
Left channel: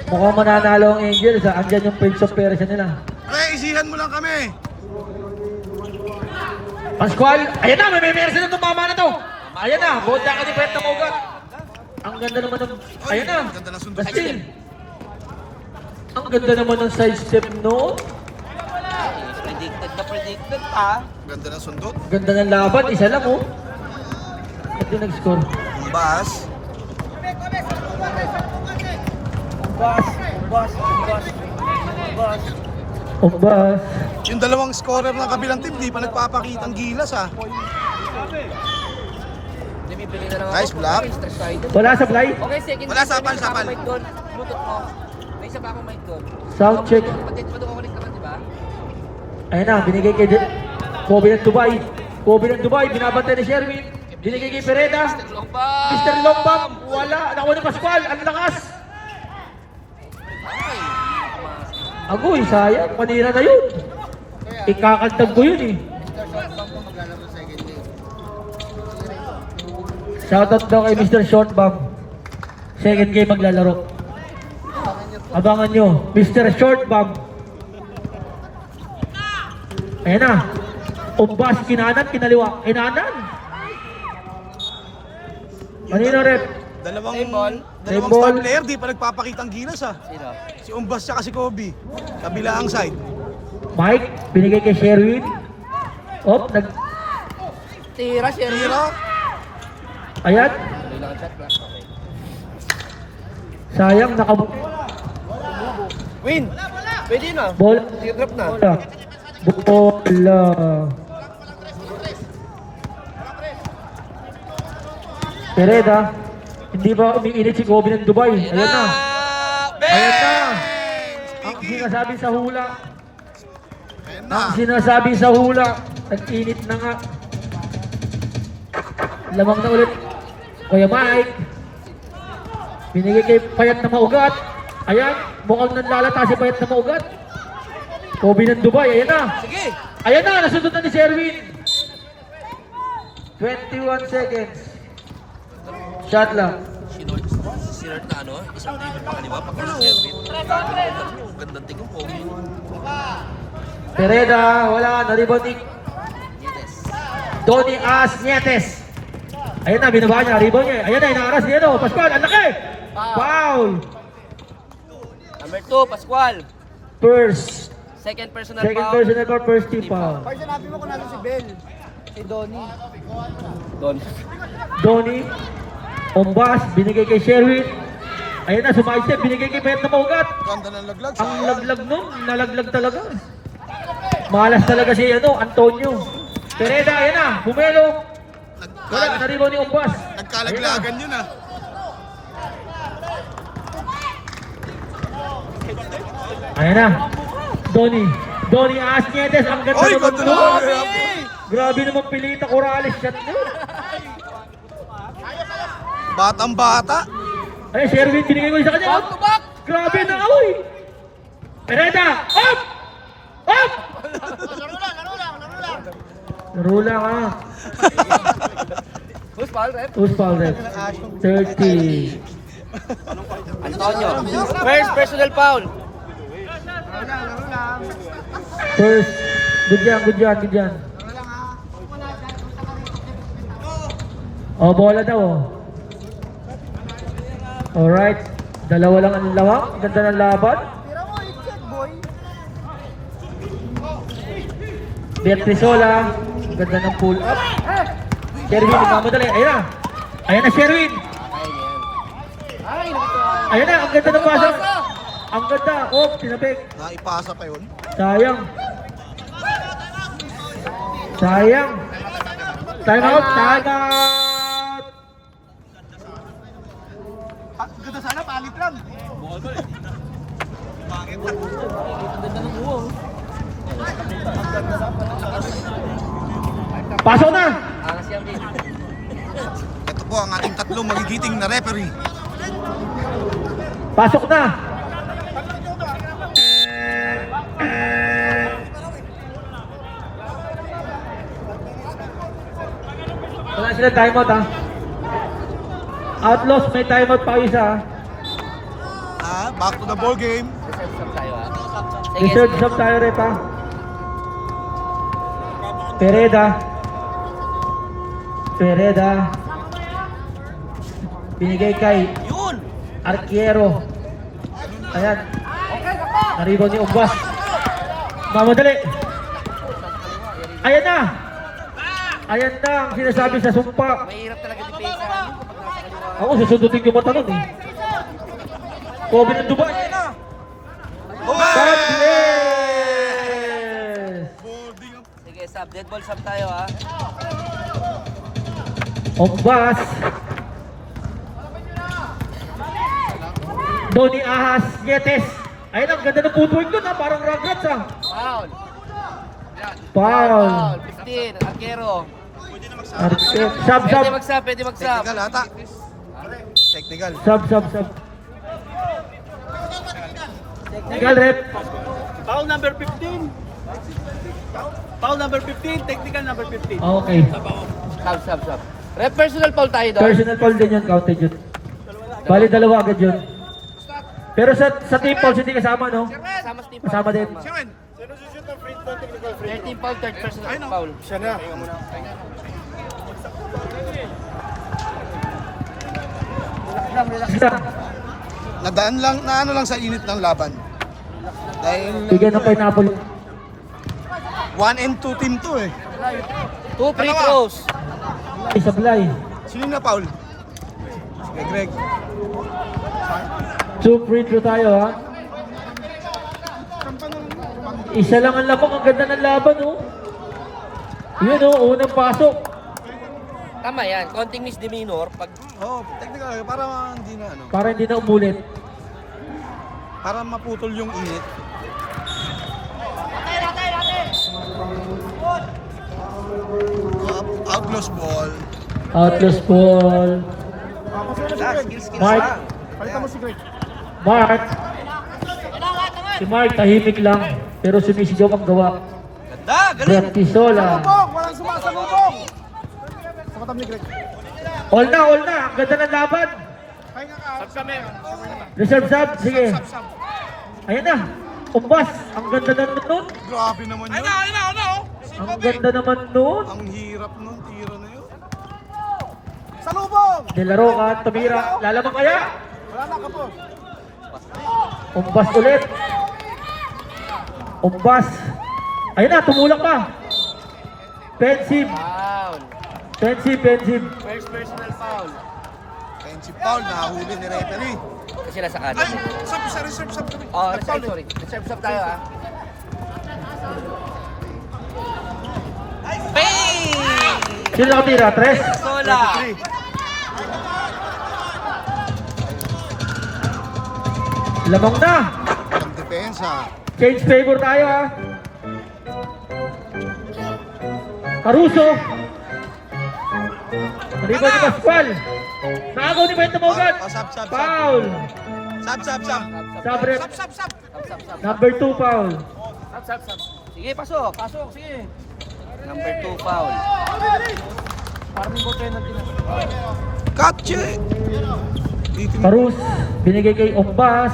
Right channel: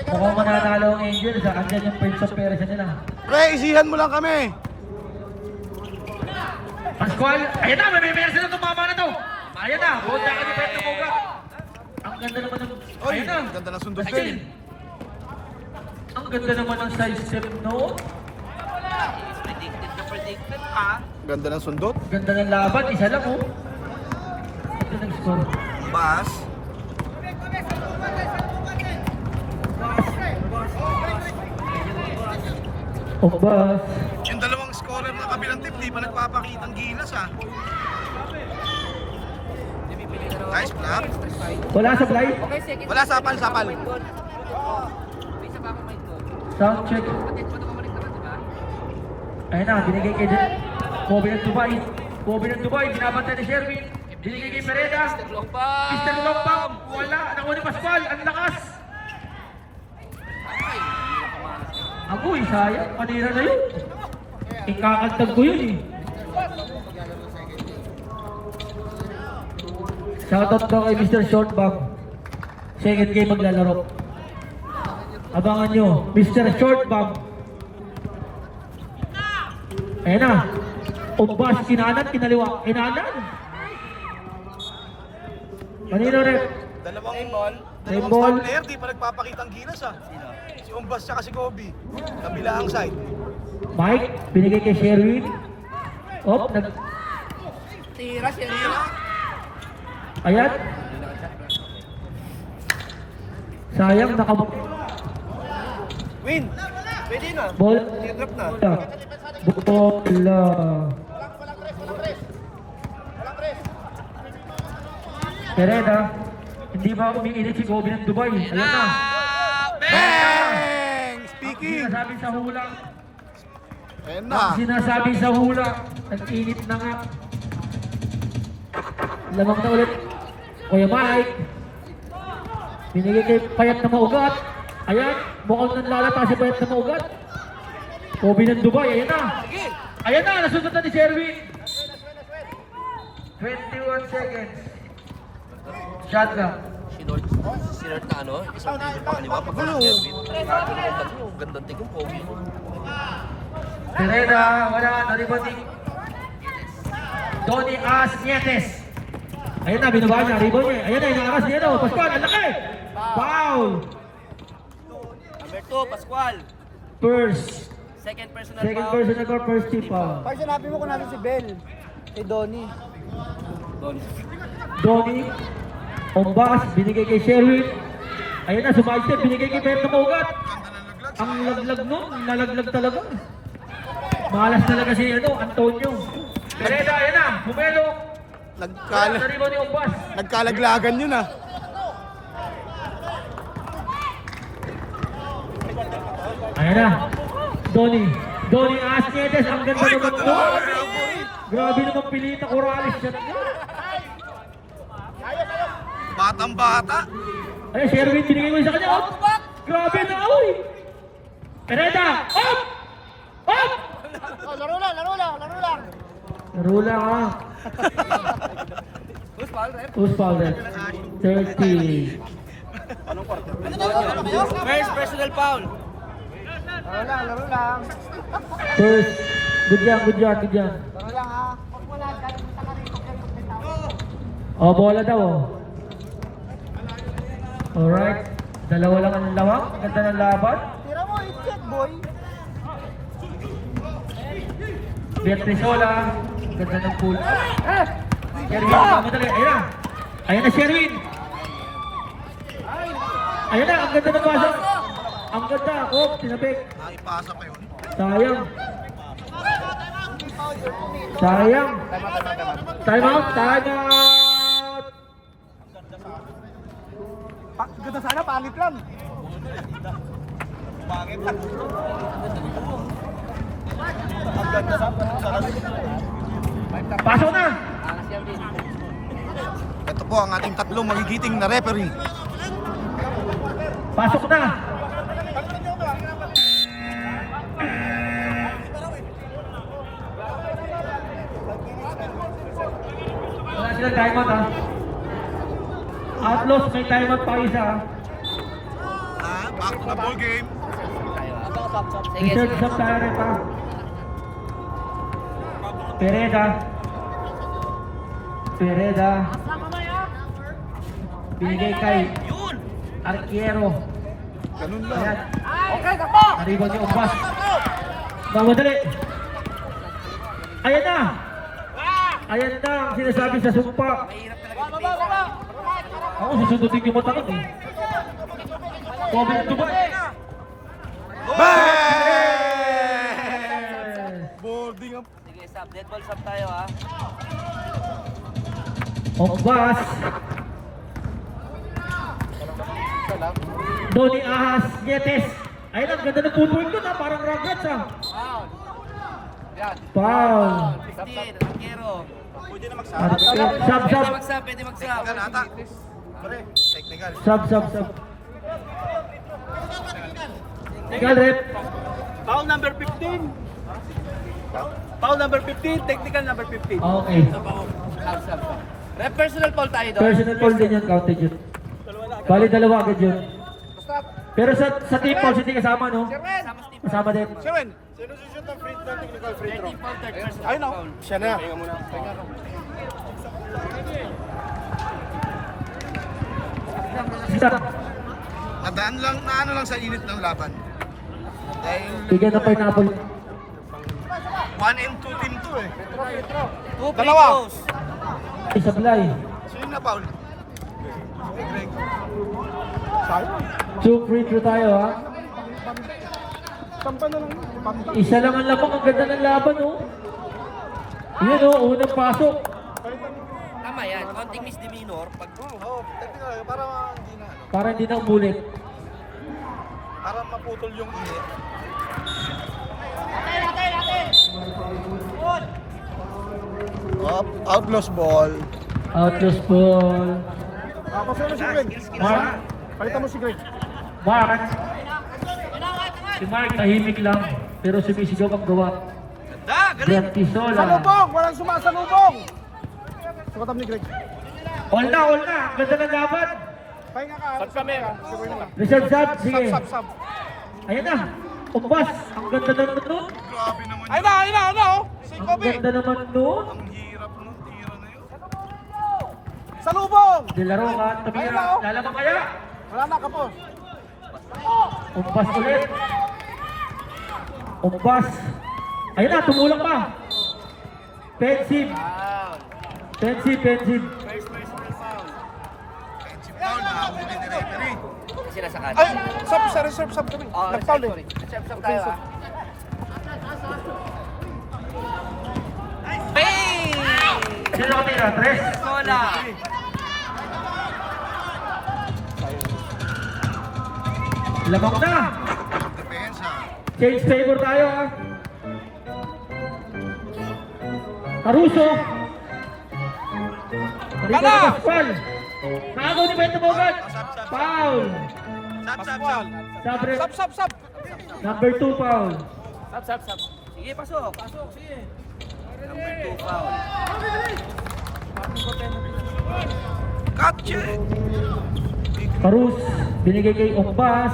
Mukhang mananalo ang Angels. Andyan yung Prince of Persia nila. Pre, isihan mo lang kami. Pascual. Ayan na, may meron silang tumama na to. Ayan na, buhat ka ni Brent na Moga. Ang ganda naman ng... Oy, Ayan na. ganda ng sundot Asin. yun. Ang ganda naman ng side step, no? Ganda ng sundot. Ganda ng laban, isa lang, oh. Hindi nag-score. Ang baas. Ombas. Yung dalawang scorer ng kabilang team, di pa nagpapakitang gilas ah. Nice block. Wala sa fly. Okay, second. Wala, sapal. May isa pa akong mic doon. Sound check. Matukulit naman, di ba? Ayun na, binigay kay Kobe ng Dubai. Kobe ng Dubai, binabantay ni Sherwin. Binigay kay Pereda. Mr. Longbam! Mr. Lombam. Wala, nakuha ni Pascual. Ang lakas. Agoy, sayang. Manira na yun. Ikakantag ko yun eh. Shoutout daw kay Mr. Shortbag. Second game maglalaro. Abangan nyo, Mr. Shortbag. Ayan na. Umbas, kinanan, kinaliwa. Kinanan. Kanino rep? Dalawang ball. star player, di pa nagpapakitang gilas ah. Si Umbas tsaka si Kobe. Kabilang side. Mike, binigay kay Sherwin. Tira, Sherwin. Ayan. Sayang, nakabuti. Win. Pwede na. Bola. Drop na. Bola. Pereda. Hindi ba umiinit si Kobe ng Dubai? Ayan na. Ayan na. Ang sinasabi sa hula. Ayan na. Ang sinasabi sa hula. Nag-init na nga. Lamang na ulit. Kuya Mike. Binigay kay Payat na maugat. Ayan. Mukhang nanlalata si Payat na maugat. Kobe ng Dubai. Ayan na. Sige. Ayan na. Nasunod na ni Sherwin. 21 seconds. Shot lang. Sinert na ano, isang table pa kaliwa, pagka si Sherwin. Gandang tingin, pogi. Pereda, wala, na-rebounding. Donnie Asnietes. Ayan na, binaba niya, rebound niya. Ayan na, inaaras niya, no? Pascual, ang laki! Foul! Number 2, Pascual. First. Second personal Second foul. personal foul, first team foul. Pag sinabi mo kung natin si Bell, kay Donnie. Don. Donnie, Ombas, binigay kay Sherwin. Ayan na, sumaistep, binigay kay Payat na maugat. Ganda ng laglag. Ang laglag nun, nalaglag talaga. Malas talaga si Antonio. Pereda, ayan na, bumelo. Wala, na-rebounding Ombas. Nagkalaglagan yun ah. Ayan na. Donnie Asnietes, ang ganda Oy, naman ganda nun. naman. Grabe naman Pilita Corrales shot niya. Batang bata. Ay, Sherwin, binigay ko sa kanya. Up! Grabe na, oy! Pereda, up! Up! Laro lang, ha? Who's foul, rep? Who's foul rep? 30. Antonio. First personal foul. Laro lang. First. Good yan. Laro lang ha. Oh, bola daw, oh. Alright. Dalawa lang ang lawak. Ganda ng laban. Tira mo yung check, boy. Beatrizola. Ganda ng pool. Sherwin, ang madali. Ayan na. Ayan na, Sherwin. Ayan na, ang ganda ng pasa. Ang ganda. Oh, tinapik. Naipasa pa yun. Sayang. Sayang. Time out. Time out. Ganda sana, palit lang. Pasok na. Ito po ang ating tatlong magigiting na referee. Pasok na. Wala sila timeout, ha. Outlaws, may timeout pa isa. Back to the ball game. Reserve shot tayo rin, ha. Pereda. Binigay kay Yun! Arquiero. Ayan. Naribon ni Umbas. Mamadali. Ayan na. Ayan na ang sinasabi sa sumpa. Mahirap talaga depensa. Ako susundutin yung mata nun. Kobe ng Dubai. God bless! Boarding up. Sige, sub. Dead ball sub tayo, ha. Ombas. Donnie Ahas Nietes. Ayun, ang ganda ng footwork doon, ha. Parang Rugrats, ha. Foul. Foul. 15. Arquero. Sub. Pwede mag-sub, pwede mag-sub. Technical ata. Technical. Sub. Technical rep. Foul number 15. Foul number 15, technical number 15. Okay. Sub. Rep, personal foul tayo doon. Personal foul din yun, counted yun. Bali, dalawa agad yun. Pero sa team fouls hindi kasama, no? Kasama sa team foul. Kasama din. Seven. Sino sushoot ng free throw, technical free Third team foul, third personal Ayun, foul. Siya na. Isa. Nadaan lang, na ano lang sa init ng laban. Dahil Bigyan ng pineapple. 1 and 2 team to eh. 2 free throws. Isablay. Sino na foul? Greg. 2 free throw tayo ha. Isa lang ang lamang, ang ganda ng laban oh. Yun oh, unang pasok. Tama yan, konting misdemeanor. Pag Oo, technical, Para hindi na umulit. para maputol yung init. Outlaws ball. Outlaws ball. Mark. Palitan mo si Greg. Mark. Si Mark tahimik lang. Pero sumisigaw ang gawa. Brad Pisola. Bong! Walang sumasabubong! Sukatam ni Greg. All na, all na. Ang ganda ng laban. Pahinga ka. Sab kami. Reserve sub. Sige. Sab. Ayan na. Umbas. Ang ganda naman nun. Grabe naman yun. Ano? Ang ganda naman nun. Ang hirap nung tira na yun. Salubong! Nilaro ka, tumira. Lalabang kaya? Wala na, kapos. Umbas ulit. Umbas. Ayun na, tumulak pa. Pensive. Pensive. Offensive foul, nakahuli ni referee. sila sa kanan. Ay, sab, sa reserve, sab. Oh, Nag-foul eh. sorry. Reserve sub tayo ah. Bang! Sino nakatira? Tres? Sola! Lamang na. Ang depensa. Change favor tayo ha. Caruso. Rico ni Pascual. Nakagaw ni Bento Mogat. Foul. Sab. Sabre. Sab. Number 2 foul. Sige, pasok. Sige. Number 2 foul. Catch it. Carus. Binigay kay Ombas.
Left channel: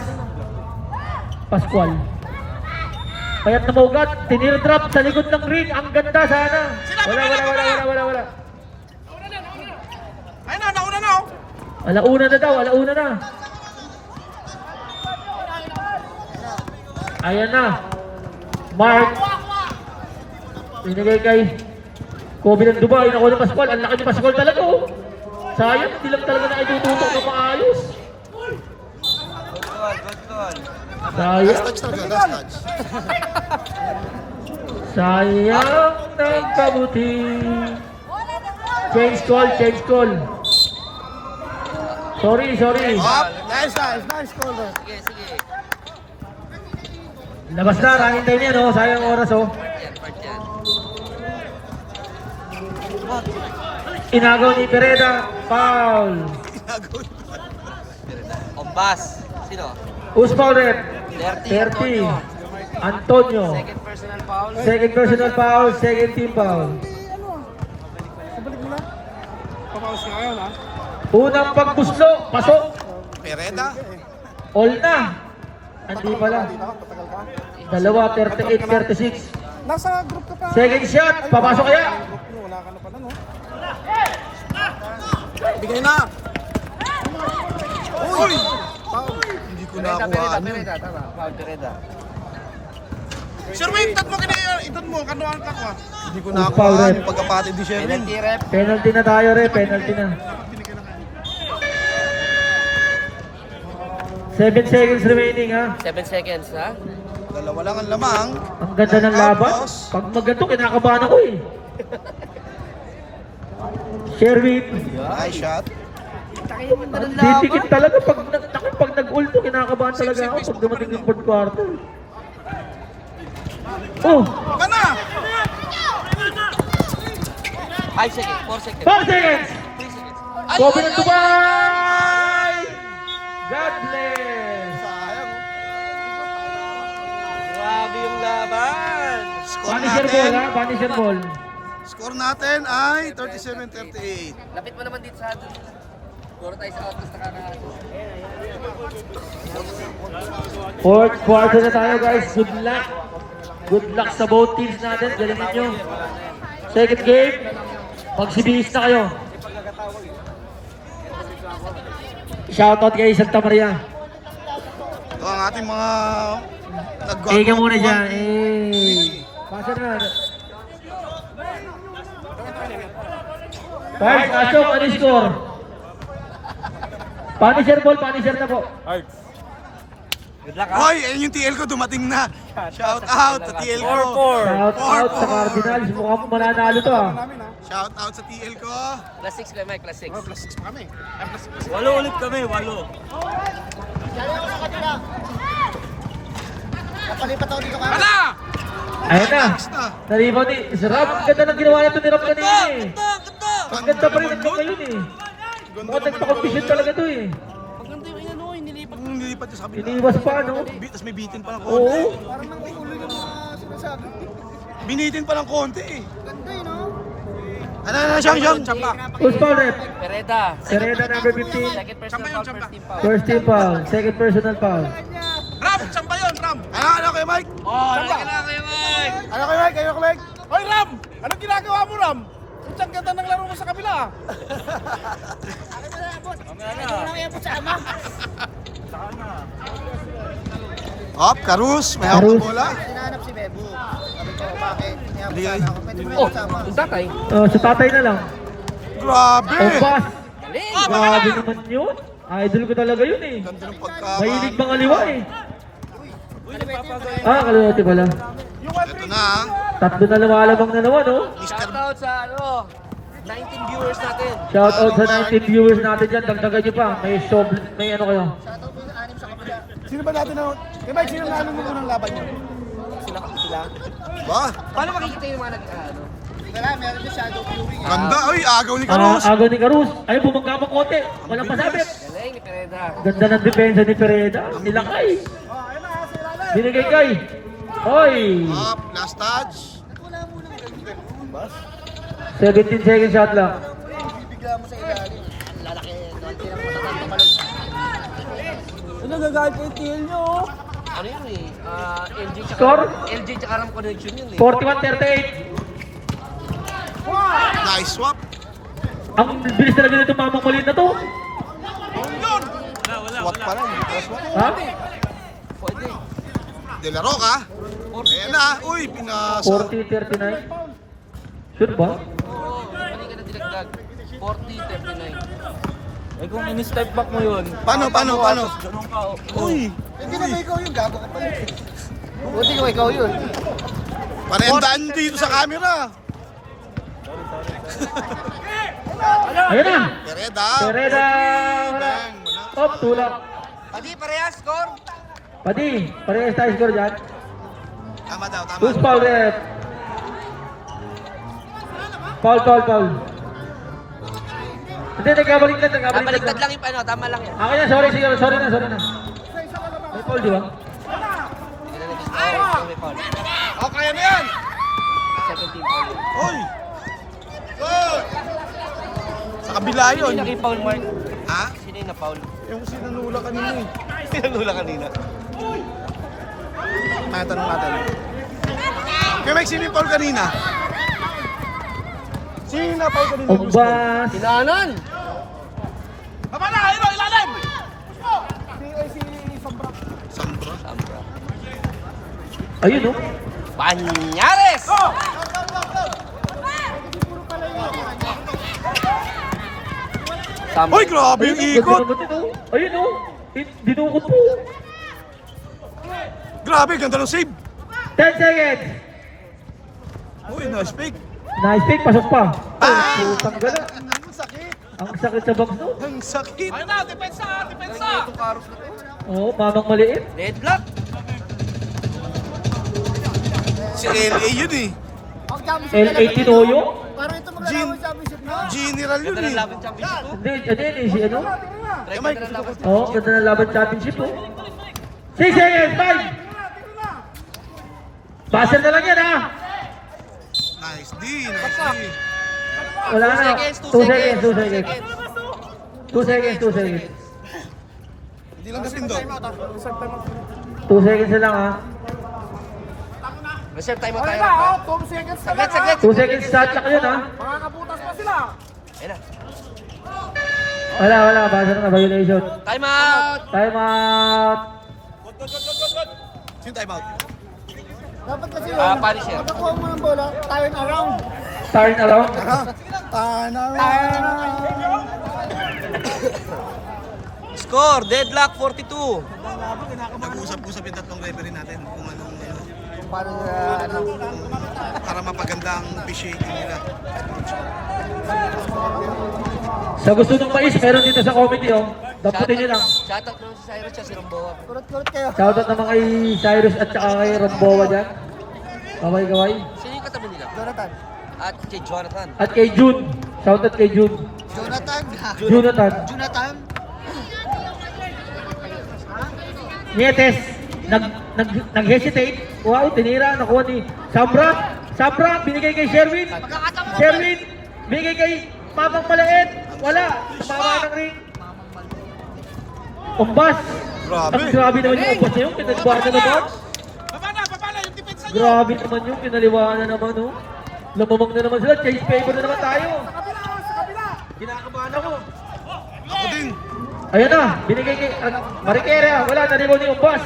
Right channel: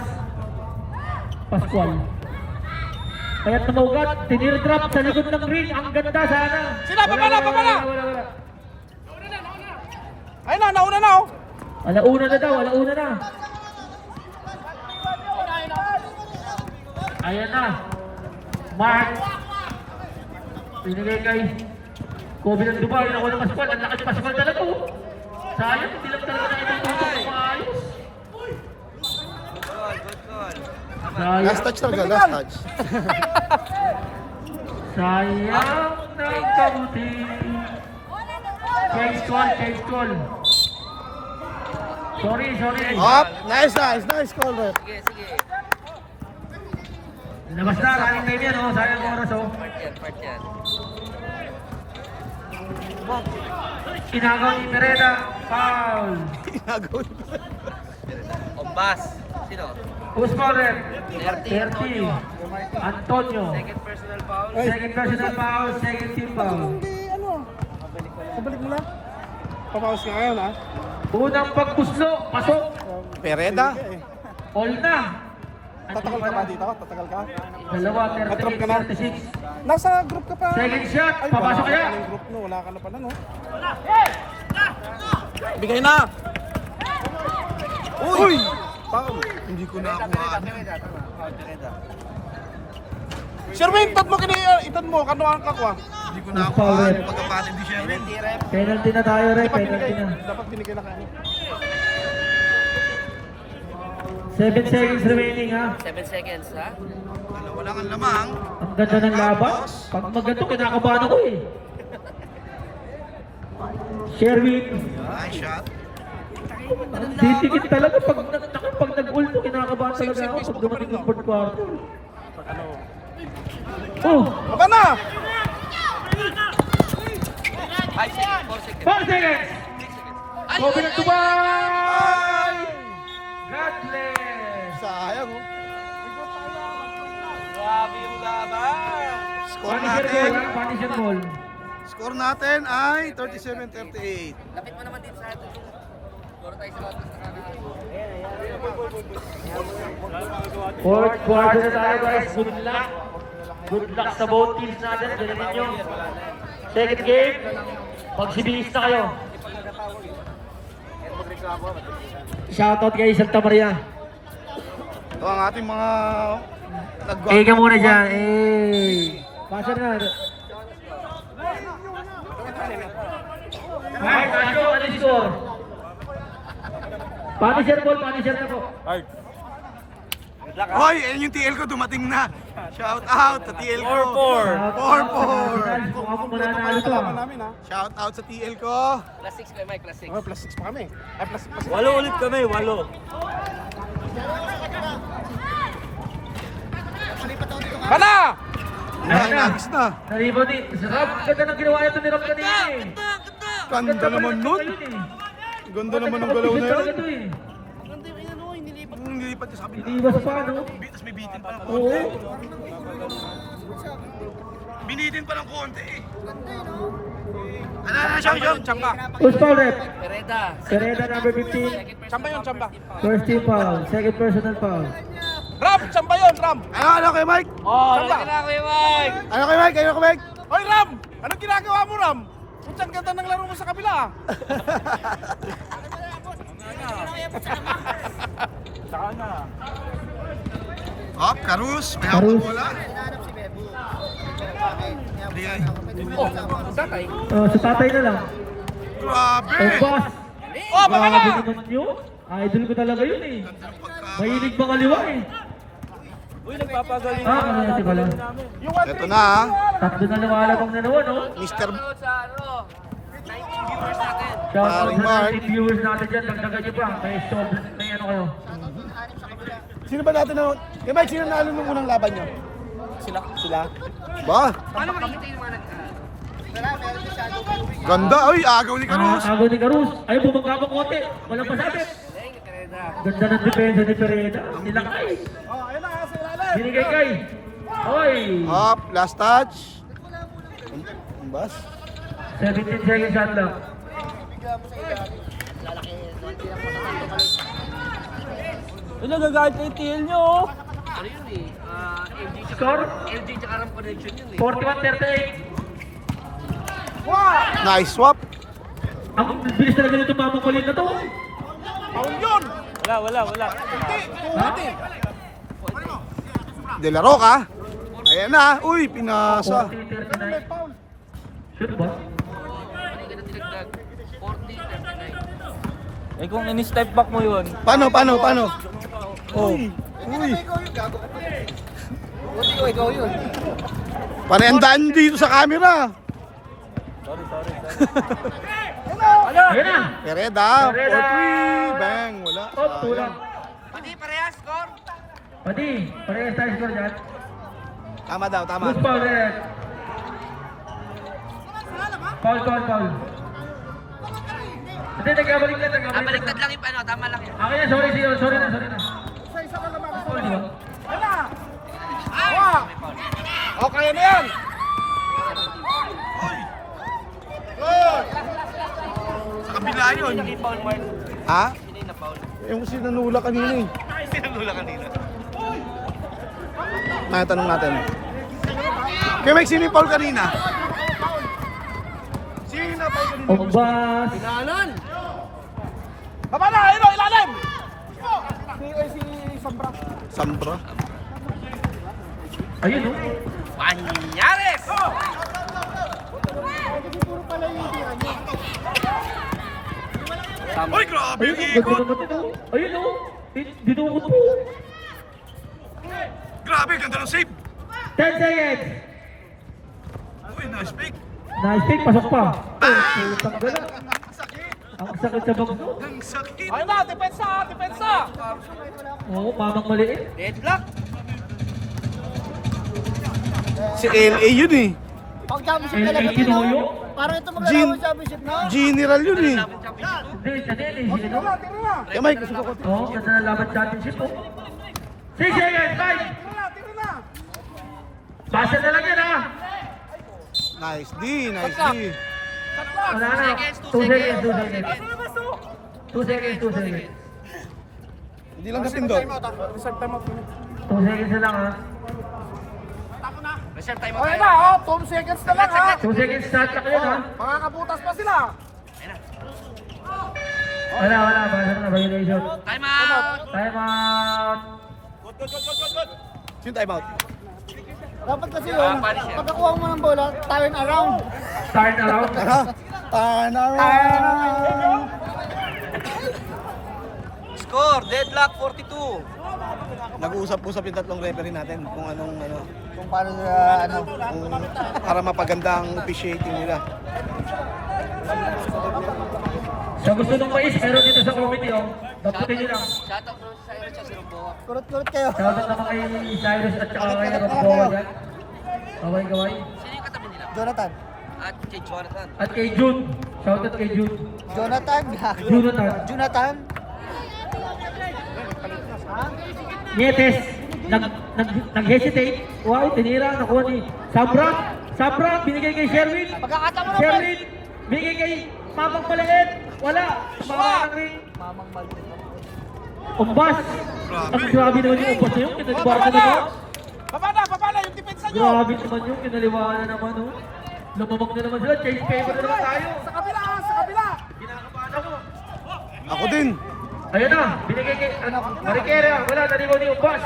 Pascual. Payat na Mogat. Tinir-drop sa likod ng ring. Ang ganda sana. Wala. Ay na, nauna na oh. Alauna na daw, alauna na. Ayan na. Mark. Binigay kay Kobe ng Dubai. Nakuha ng Pascual. Ang laki ni Pascual talaga oh. Sayang, hindi lang talaga nakitututok ng maayos. Sayang. Last touch talaga, last touch. Sayang ng kabuti. Change call. Sorry. Nice call there. Sige. Labas na, running time yan oh. Sayang oras oh. Part yan. Inagaw ni Pereda. Foul. Ombas. Sino? Who's foul red? 30. Antonio. Second personal foul, second team foul. Sabalik mo na. Papaus ka ngayon ha. Unang pagpuslo, pasok. Pereda. All na. Hindi pala. Patagal ka. Dalawa, 38-36. Nasa group ka pa. Second shot, papasok kaya? Group no, wala ka na pala no. Bigay na. Uy! Foul. Hindi ko nakuhaan yun. Sir, wait, itat mo, kano ang kakwa? Hindi ko Foul nakuhaan red. yung pagkapatid ni Sherwin. Penalty na tayo penalty na. Dapat binigyan na kayo. 7 seconds remaining ha. 7 seconds ha? Dalawa lang ang lamang. Ang ganda ng laban. Pag maganto, kinakabahan ako eh. Sherwin. Nice shot. Titikit talaga pag nag-ulto, kinakabahan talaga ako pag dumating yung fourth quarter. Oh! Baba na! Ay, sige. 4 seconds. 5 seconds! Kobe ng Dubai! God bless! Sayang. Grabe yung laban. Score natin. Vanisher ball. Score natin ay 37-38. Lapit mo naman dito sa atin. Puro tayo sa office na kami. Fourth quarter na tayo guys. Good luck. Good luck sa both teams natin. Galing nyo. Second game. Magsibihis na kayo. Shoutout kay Santa Maria. Ito ang ating mga Eh ka muna dyan. Eh. Passer na. Five, Asok, ano yung score? Punisher ball, punisher na po. Hoy, ayun yung TL ko, dumating na. Shout out sa TL ko. 4-4. Shout out sa Cardinals. Mukha mo mananalo to ah. Shout out sa TL ko. Plus 6 kay Mike, plus 6. Plus 6 pa kami. Walo ulit kami, walo. Ayun na. Next na. Nalibaw ni Sarap. Ganda ng ginawa nito ni Rob kanina eh. Ang ganda pa rin ito ngayon eh. Ganda Mukhang naman ng nagpapagpisyon galaw talaga na to eh. Nilipat niya sa kabila. Iniiwas pa ano? Tapos may bitin pa ng Oo. konti. Binitin pa ng konti eh. Ano, Siyang? Who's foul rep? Pereda. Serena number 15. Chamba yun, chamba. First team foul. Second personal foul. Ram, chamba yun, Ram. Ano kay Mike? Chamba. Kaya Mike. Ano kay Mike? Hoy Ram! Anong ginagawa mo Ram? Putsang ganda ng laro mo sa kabila. Hop, Karus. May hawak Karus. ng bola. Oh, tatay. Sa tatay na lang. Grabe. Opas. Oh, Grabe naman yun. Idol ko talaga yun eh. Ganda ng pagka... Mahilig bang aliwa eh. Kaliwati pala. Ito na ha. Tatlo na lumalabang na naman oh. Mr. Out sa ano, 19 viewers natin. Shout out sa 19 viewers natin dyan. Dagdagan nyo pa. May ano kayo. Sino ba natin na... Kay Mike, sino na nung unang laban niyo? Sila. Ba? Paano makikita yung mga ano? Ganda. Ay, agaw ni Karus. Agaw ni Karus. Ayun, bumagkabang konti. Walang pasabit. Galing ni Pereda. Ganda ng depensa ni Pereda. Nilakay. Binigay kay. Hoy. Hop, last touch. 17 second shot lang. Ano gagawin ko yung TL nyo? Ano yun eh? LG tsaka Score? LG tsaka Ram connection yun eh. 41-38. Nice swap. Ang bilis talaga nito mamang kulit na to. Wala. Pa rin. Ha? De La Roca. Ayan na. Uy, pinasa. 40-39. Shoot ba? Mali ka na dinagdag. 40-39. Eh kung in-step back mo yun. Paano? Uy. Buti ko ikaw yun. Panendaan dito sa camera. Ayan na. Pereda. Pereda. Bang. Wala. Oh, tulak. Pati parehas, score. Pati, parehas tayo score dyan. Tama daw, tama. Who's foul rep? Foul. Hindi, nagkabaliktad. Baliktad lang yung ano, tama lang yan. Ako yan, sorry na. Foul, di ba? Okay na yan. Uy. Sa kabila yun. Ha? Yung sinanula kanina eh. Sinanula kanina. Tanong natin. Kaya Mike, sino yung foul kanina? Sino yung na-foul kanina? Ogbas. Ilanan! Babala! Ilalim! Sambro. Ayun oh. Banyares! Uy, grabe Ayun yung oh, ikot. ganda naman ito. Ayun oh. Dinukot po. Grabe, ganda ng save. 10 seconds. Uy, nice pick. Nice pick, pasok pa. Oh, putang gala. Ang sakit. Ang sakit sa bags doon. Ang sakit. Oo, mamang maliit. Deadlock! Si LA yun eh. L18 Hoyo? General yun eh. Laban championship mo? Hindi, si ano? Eh, Mike, gusto ko. Oo, ganda na laban championship. 6 seconds, 5! Basa na lang yan ha! Nice D, nice D. Wala na. 2 seconds. 2 seconds. Hindi lang gasin doon. 2 seconds na lang ha. Reserve time mo tayo. 2 seconds na lang. Saglit. 2 seconds sa check yun ha. Makakabutas pa sila. Ayan na. Wala. Basa na, violation. Time out! Time out. Sino time out? Dapat kasi Ah, yun, Punisher. pag nakuha mo ng bola, time around. turn around. Score, deadlock 42. Nag-uusap-usap yung tatlong referee natin kung anong kung paano para mapaganda ang officiating nila. Sa gusto ng mais, meron dito sa committee, oh. Daputin nyo lang. Shoutout bro sa Cyrus sa Rambo. Shoutout naman kay Cyrus at saka kay Rambo dyan. Kaway-kaway. Sino yung katabi nila? Jonathan. At kay Jonathan. At kay June. Shoutout kay June. Jonathan. Jonathan. Jonathan. Nietes, nag-hesitate. Wow, tinira. Nakuha ni Sabra. Sabra, binigay kay Sherwin. Sherwin, binigay kay Mamang Maliit. Wala. Mama ng ring. Umbas. Grabe. Ang grabe naman yung umbas na yun. Pinaliwaan na naman. Grabe naman yung pinaliwaan na naman. Oh. Lumamang na naman sila. Change paper na naman tayo. Kinakabahan ako. Ako din. Ayan na, binigay kay Marikera, wala, nalimaw niya Umbas.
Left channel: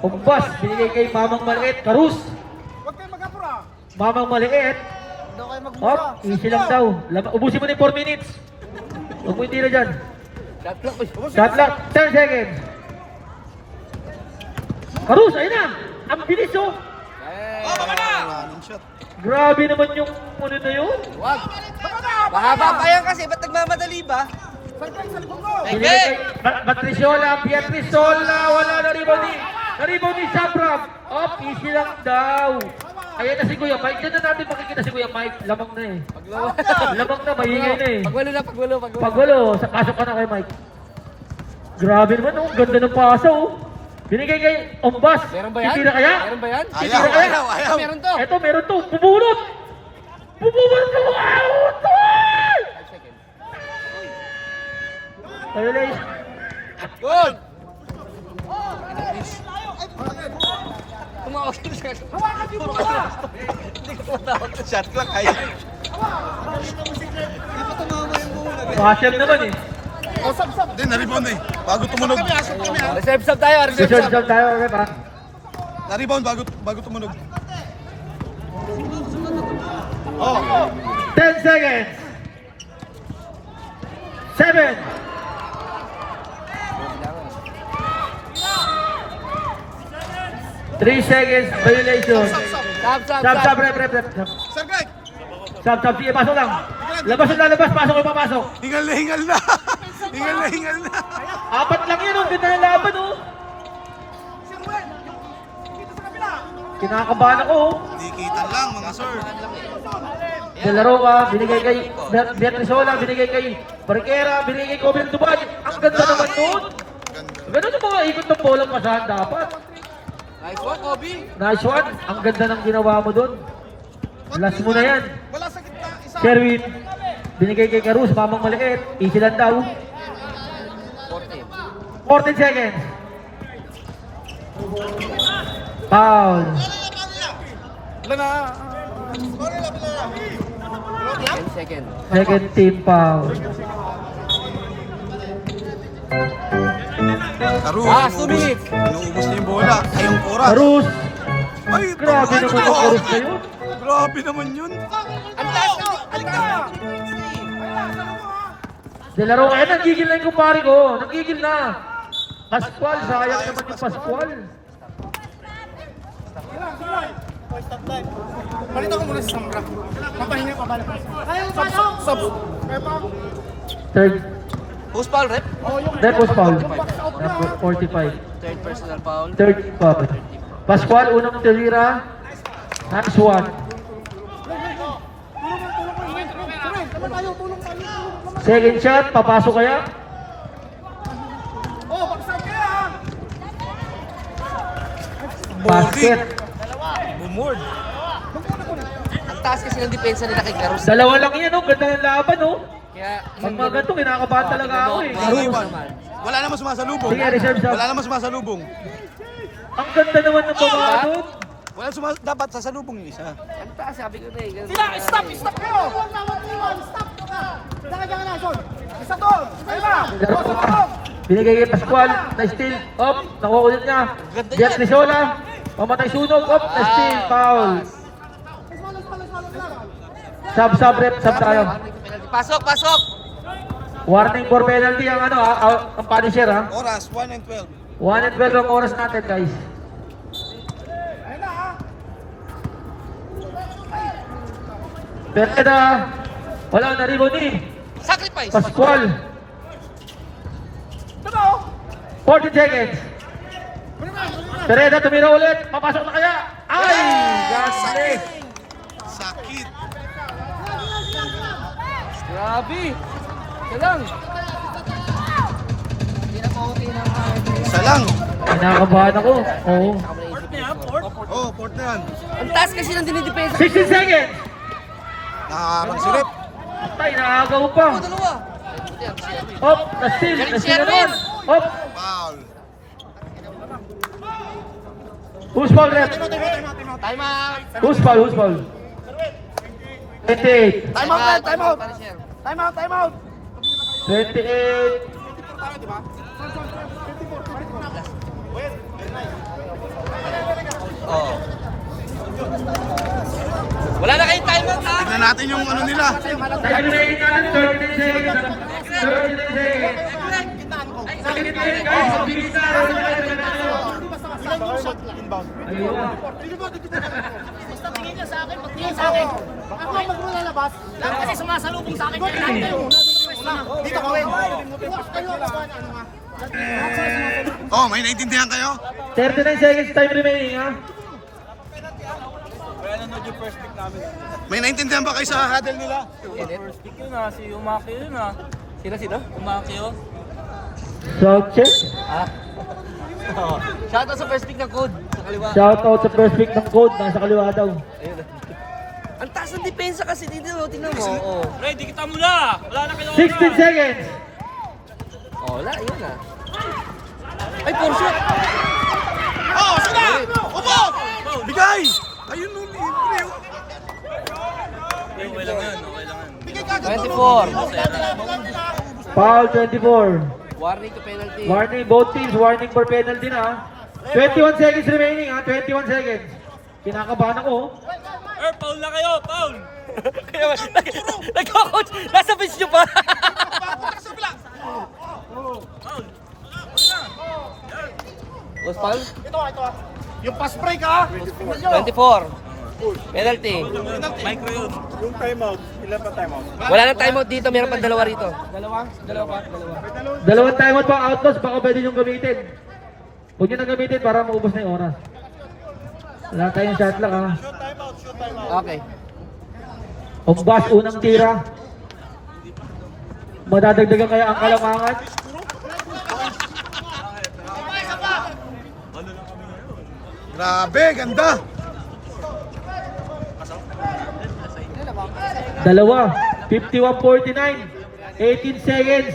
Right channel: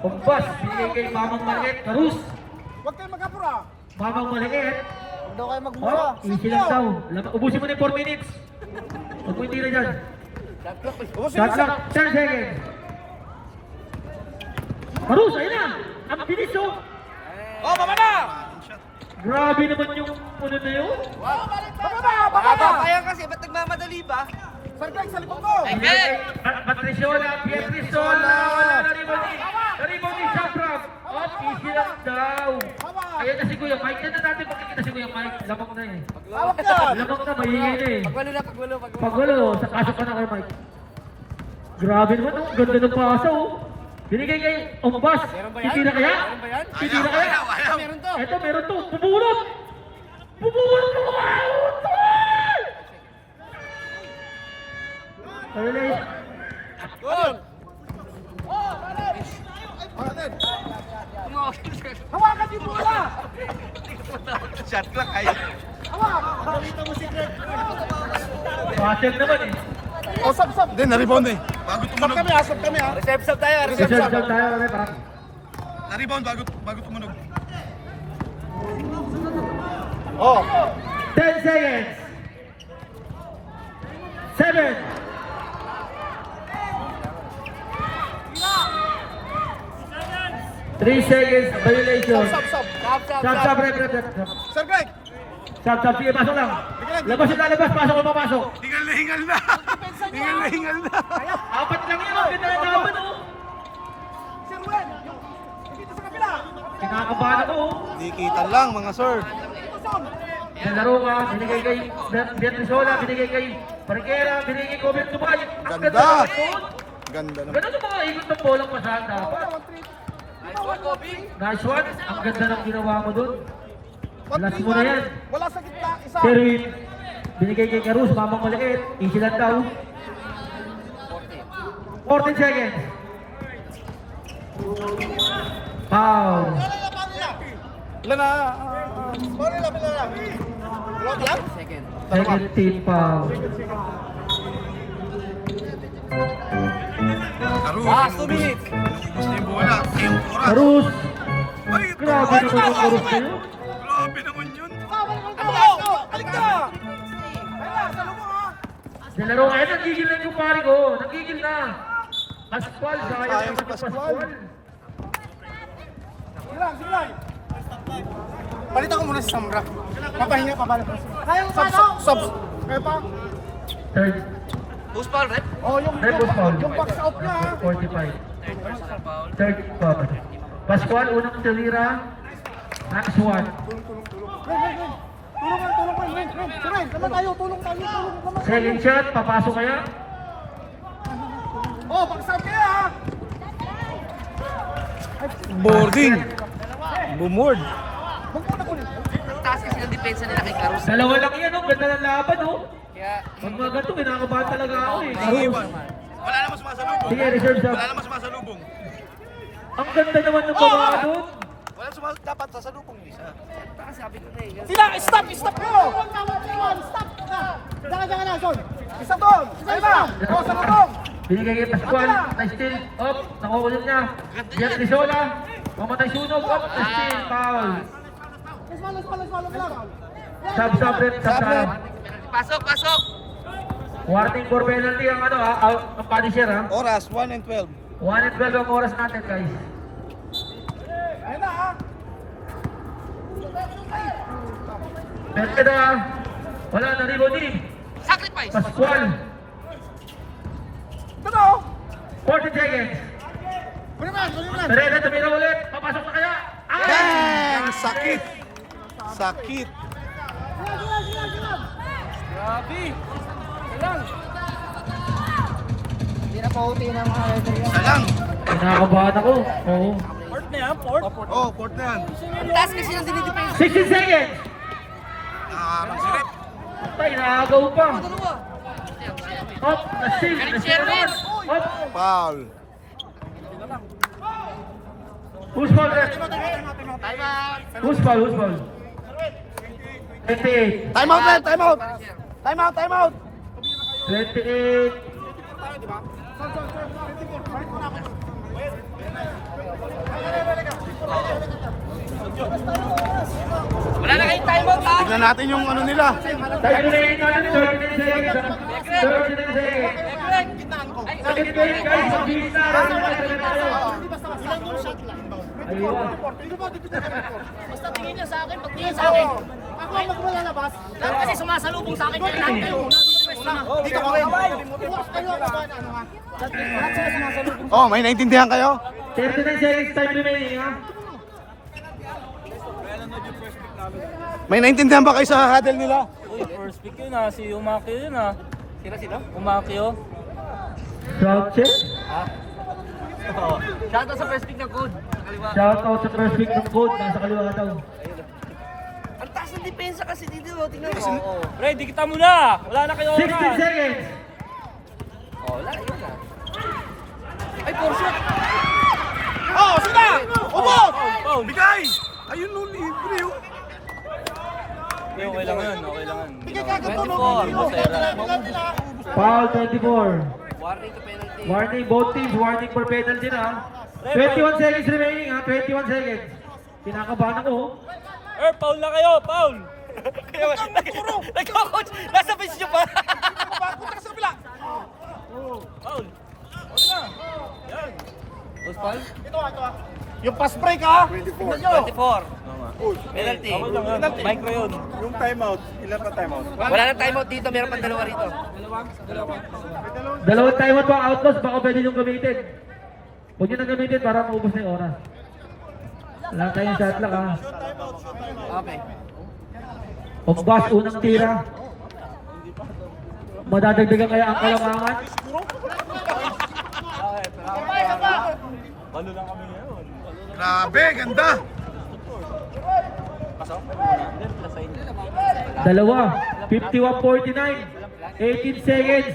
Umbas, binigay kay Mamang Maliit, Karus. Mamang Maliit. Hop, easy lang daw. Ubusin mo na yung 4 minutes. Huwag mo hindi na dyan. Shot clock, 10 seconds. Karus, ayun na. Ang bilis oh. Grabe naman yung ano na yun. Mahaba kaya kasi, ba't nagmamadali ba? Hindi. Patrisiola, Pietrisola, wala na ribaw ni Sabra. Oh, easy lang daw. Ayan na si Kuya Mike. Diyan na natin makikita si Kuya Mike. Lamang na eh. Lamang na, maingay na eh. Pagwalo. Pagwalo, sa pasok ka na kay Mike. Grabe naman oh, ganda ng pasa oh. Binigay kay Umbas. Titira kaya? Titira kaya? Ayaw. Eto, meron to. Bubulot! Bubulot ko! Out! Tayo lang. Tumawag ko siya. Shot clock ay. Passion naman eh. Din na-rebound eh. Bago tumunog. Reserve tayo, Reserve tayo, okay pa. Na-rebound bago tumunog. 10 seconds. 7. 3 seconds violation. Sab, rep. Sab, sige, pasok lang. Labas na labas, pasok o papasok. Hingal na. Hingal na. Apat lang yun, oh. Ganda yung laban, oh. Kinakabahan ako, oh. Dikitan lang mga sir. Delaroa, binigay kay Beatrizola, binigay kay Barquera, binigay kay Coben Dubai. Ang ganda naman doon. Ganda na. Ganun yung mga ikot ng bola masahan dapat. Nice one, Kobe. Nice one. Ang ganda ng ginawa mo doon. Last mo na yan. Sherwin, binigay kay Karus, Mamang Maliit. Easy lang daw. 14 seconds. Foul. Second. Second team foul. Karus, Sumit. inuubos na yung bola. Ayong oras. Karus. Ay, Grabe naman yung Karus na yun. Grabe naman yun. Delaroa, eh, nagigil na yung kumpare ko. Nagigil na. Pascual, sayang naman yung Pascual. Balita ko muna sa Samra. Napahinga pa balik. Kaya Sub. Kaya pa. Third. Who's foul, rep? Oh, yung Third was foul. yung box out na. Number 45. Third personal foul. Third foul. Pascual, unang tulira. Nice one. Tulong ko. Naman tayo, tulong naman. Second shot, papasok kaya? Oh, box out kaya ha. Basket. Bumord. Ang taas kasi ng depensa nila kay Karus. Dalawa lang yan, oh. Ganda ng laban, oh. Kaya, Pag mga ganito, kinakabahan talaga ako, eh. Karus. Wala naman sumasalubong. Sige, reserve shot. Wala naman sumasalubong. Ang ganda naman ng babae doon. Wala dapat sasalubong yung isa. ang taas, sabi ko na eh. Sila, stop kayo. Stop. Dalaga na, Son. Isa doon. Isa ba? Oh, sa tulong. Binigay kay Pascual, na-steal, up, nakuha ko din niya. Beatrizola, mamatay sunog, up, na-steal, foul. Let's Sub rep, sub tayo. Pasok, pasok! Warning for penalty ang ano, ang Punisher ha. Oras, 1 and 12. 1 and 12 ang oras natin guys. Ayun na ha. Pereda, walang naribo din. Sacrifice! Pascual, Totoo. 40 seconds. Pereda, tumira ulit. Papasok na kaya. Ay! Ay! Sakit! Sakit! Grabe! Salang! Isa lang. Kinakabahan ako. Oo. Oh, port na yan. Ang taas kasi ng dinidepensa. 16 seconds. Nakakarang silip. Tay, nakagaw pa. Hop, na-steal. Na-steal naman. Hop. Foul. Who's foul left? Time out! Who's foul? Who's foul? 28. Time out, time out. Time out, time out. 28. Tayo, di ba? Son, 24. Balik mo na ako. Wala na kayong time out, ha? Tignan natin yung ano nila. Time remaining natin, 39 seconds. 39 seconds. Kitaan ko. Second game guys, mabilis na. Hindi basta ilan yung shot lang. Inbound. Ayun. Basta tingin niya sa akin, pag tingin sa akin. Ako ang magmalalabas. Lahat kasi sumasalubong sa akin. Doon Kaya lang lahat kayo. kayo. Dito ko rin. Kayo ang ba ano nga? Lahat sila sumasalubong. Oh, may naintindihan kayo? 39 seconds time remaining ha. May naintindihan ba kayo sa huddle nila? First pick yun ah, si Umakio yun ah. Sino? Umakio. Sound check. Shoutout sa first pick ng code. Sa kaliwa. Shout out sa first pick ng code. Nasa kaliwa daw. Ang taas ng depensa kasi dito. Tingnan mo. Ray, di kita muna! Wala na kayo 16 seconds. Wala, yun na. Ay, full shot! Oh, sige! Ubos! Bigay! Ayun no, libre oh. Okay lang yan, okay lang yan. 24. Foul 24. Warning ka penalty. Warning both teams. Warning for penalty na. 21 seconds remaining ha. 21 seconds. Kinakabahan ako. Foul na kayo, foul! Nagko-coach! Nasa bench nyo pa! Was foul? Ito ah. Yung pass break ah. 24. Penalty. Micro yun. Yung timeout. Ilan pa timeout? Wala na timeout dito, meron pang dalawa rito. Dalawang timeout pa outlaws. Baka pwede nyo gamitin. Huwag nyo na gamitin para maubos na yung oras. Wala tayong shot clock ha. Okay. Ombas, unang tira. Madadagdagan kaya ang kalamangan. Grabe, ganda! Dalawa. 51-49. 18 seconds.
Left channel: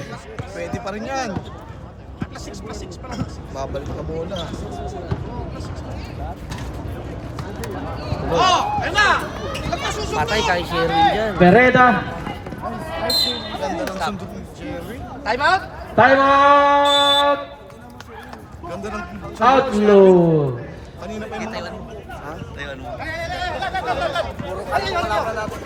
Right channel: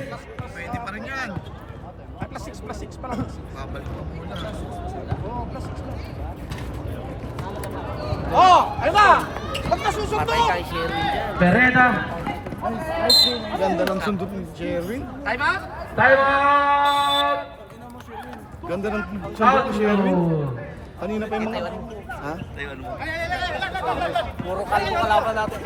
Pwede pa rin yan. +6 pa lang. Babalik ka muna. Patay kay Sherwin dyan. Pereda. Ganda ng sundot ni Jerry. Time out? Time out! Ganda ng sundot ni Outlaw. Kanina pa yung... Taiwan mo. Taiwan mo.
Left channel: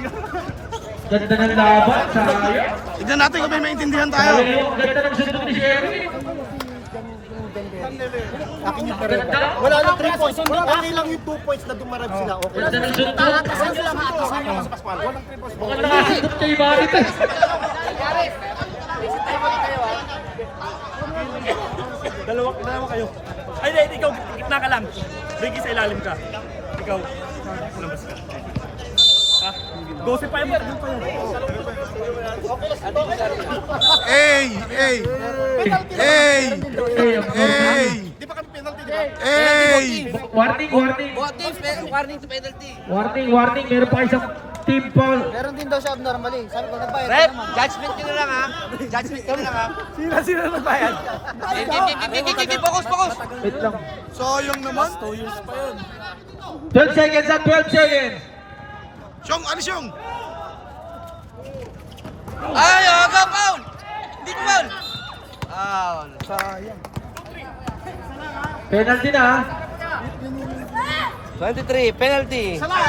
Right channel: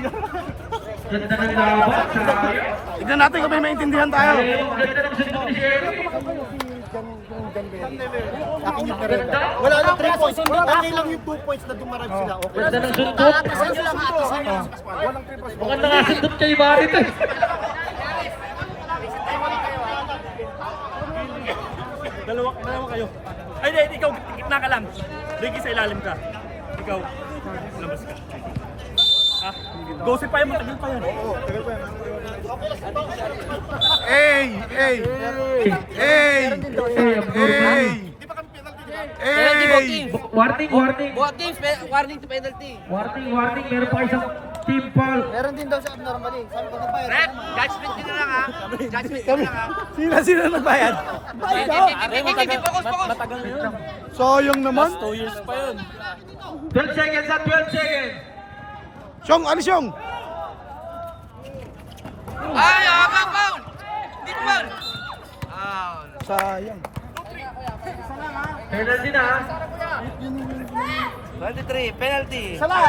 Ganda ng laban. Sayang. Tignan natin kung may maintindihan tayo. Sayang. Ganda ng sundok ni Sherry. Akin yung Pereda. Wala na 3 points. Okay lang yung 2 points na dumarive sila. Okay. Ganda ng sundok. Atasan nyo lang, atasan nyo lang. Walang 3 points. Ganda ng sundok kay Bakit eh. Dalawa kayo. Ay, hindi, ikaw, gitna ka lang. Ricky, sa ilalim ka. Ikaw, lumabas ka. Ha? Gossip pa yung matagal pa yan. Hey! Hey! Hey! Hey! Hey! Warning, warning. Buhat teams, warning to penalty. Warning, warning. Meron pa isang team foul. Meron din daw siya abnormally. Sabi ko na ba? Rep, judgment nyo na lang ha. Judgment nyo na lang ha. Sino na ba yan? Game, focus. Wait lang. Sayang naman. 2 years pa yun. 12 seconds at 12 seconds. Siyong, ano siyong? Ay, aga, foul! Hindi ko foul! Foul. Sayang. Penalty na. 23, penalty. Salam!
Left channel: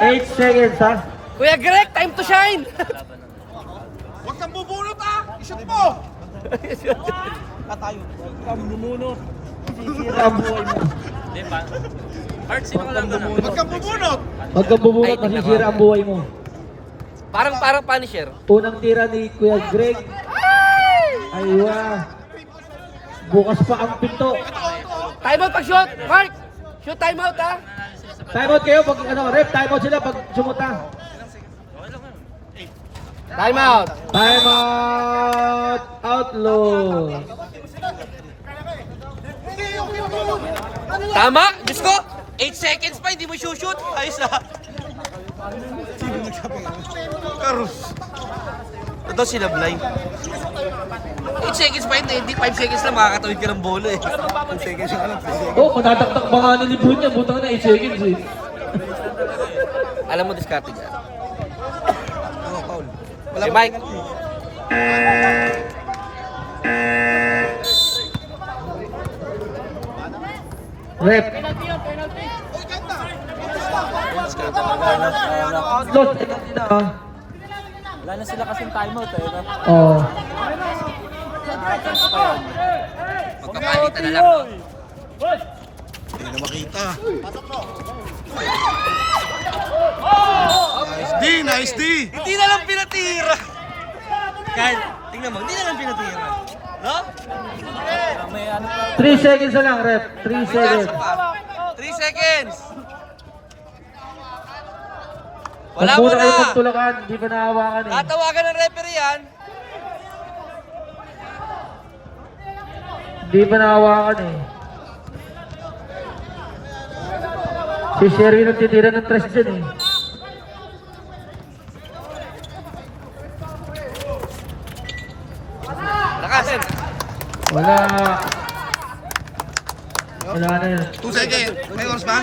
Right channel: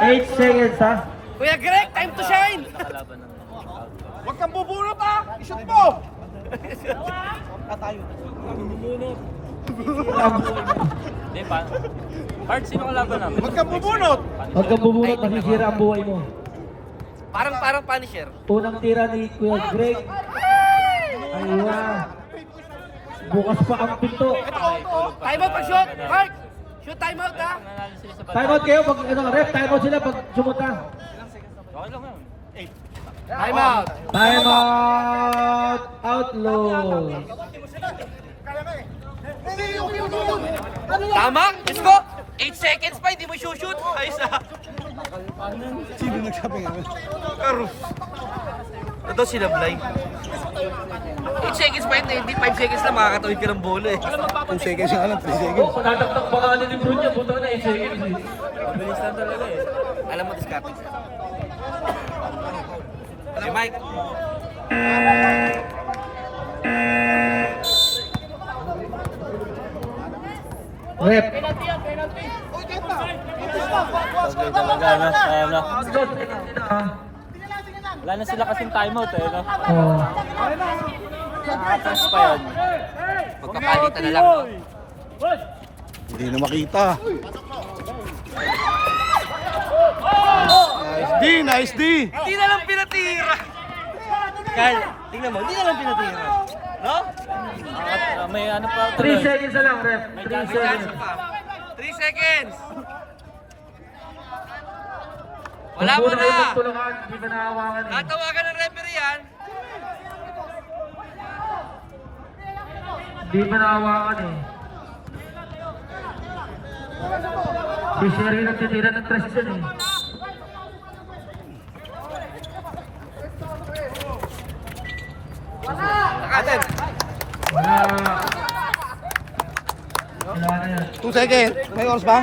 8 seconds ha. Kuya Greg, time to shine! Huwag kang bubunot ha! Isot mo! Huwag kang bubunot! Huwag kang bubunot, masisira ang buhay mo. Parang Punisher. Unang tira ni Kuya Greg. Aywa. Bukas pa ang pinto. Time out pag shoot! Mark! Shoot time out ha! Time out kayo pag ano, ref, time out sila pag sumuta. Time out! Time out. Outlaw. Tama! Diyos ko! 8 seconds pa, hindi mo shoot! Ayos ah! Ito sila Blay. 8 seconds pa hindi 5 seconds lang makakatawid ka ng bola eh. Oo, matataktak ba nga na ni Bruno? Butang na 8 seconds eh. Alam mo discarding ka. Si Mike. Rep. Wala na sila kasing timeout eh. No? Oh. Magkapalitan na lang. No? Hindi na makita. Nice D, nice D. Hindi na lang pinatira. Carl, tingnan mo, hindi na lang pinatira. No? May ano pa. 3 seconds na lang, rep. 3 May seconds. chance pa. 3 seconds. Wala mo Pag muna na. kayo magtulakan, hindi pa nahawakan eh. Tatawagan ng referee yan. Hindi pa nahawakan eh. Si Sherwin ang titira ng 3 dyan eh. Lakasin. Wala. Wala na yun. 2 seconds. May oras pa?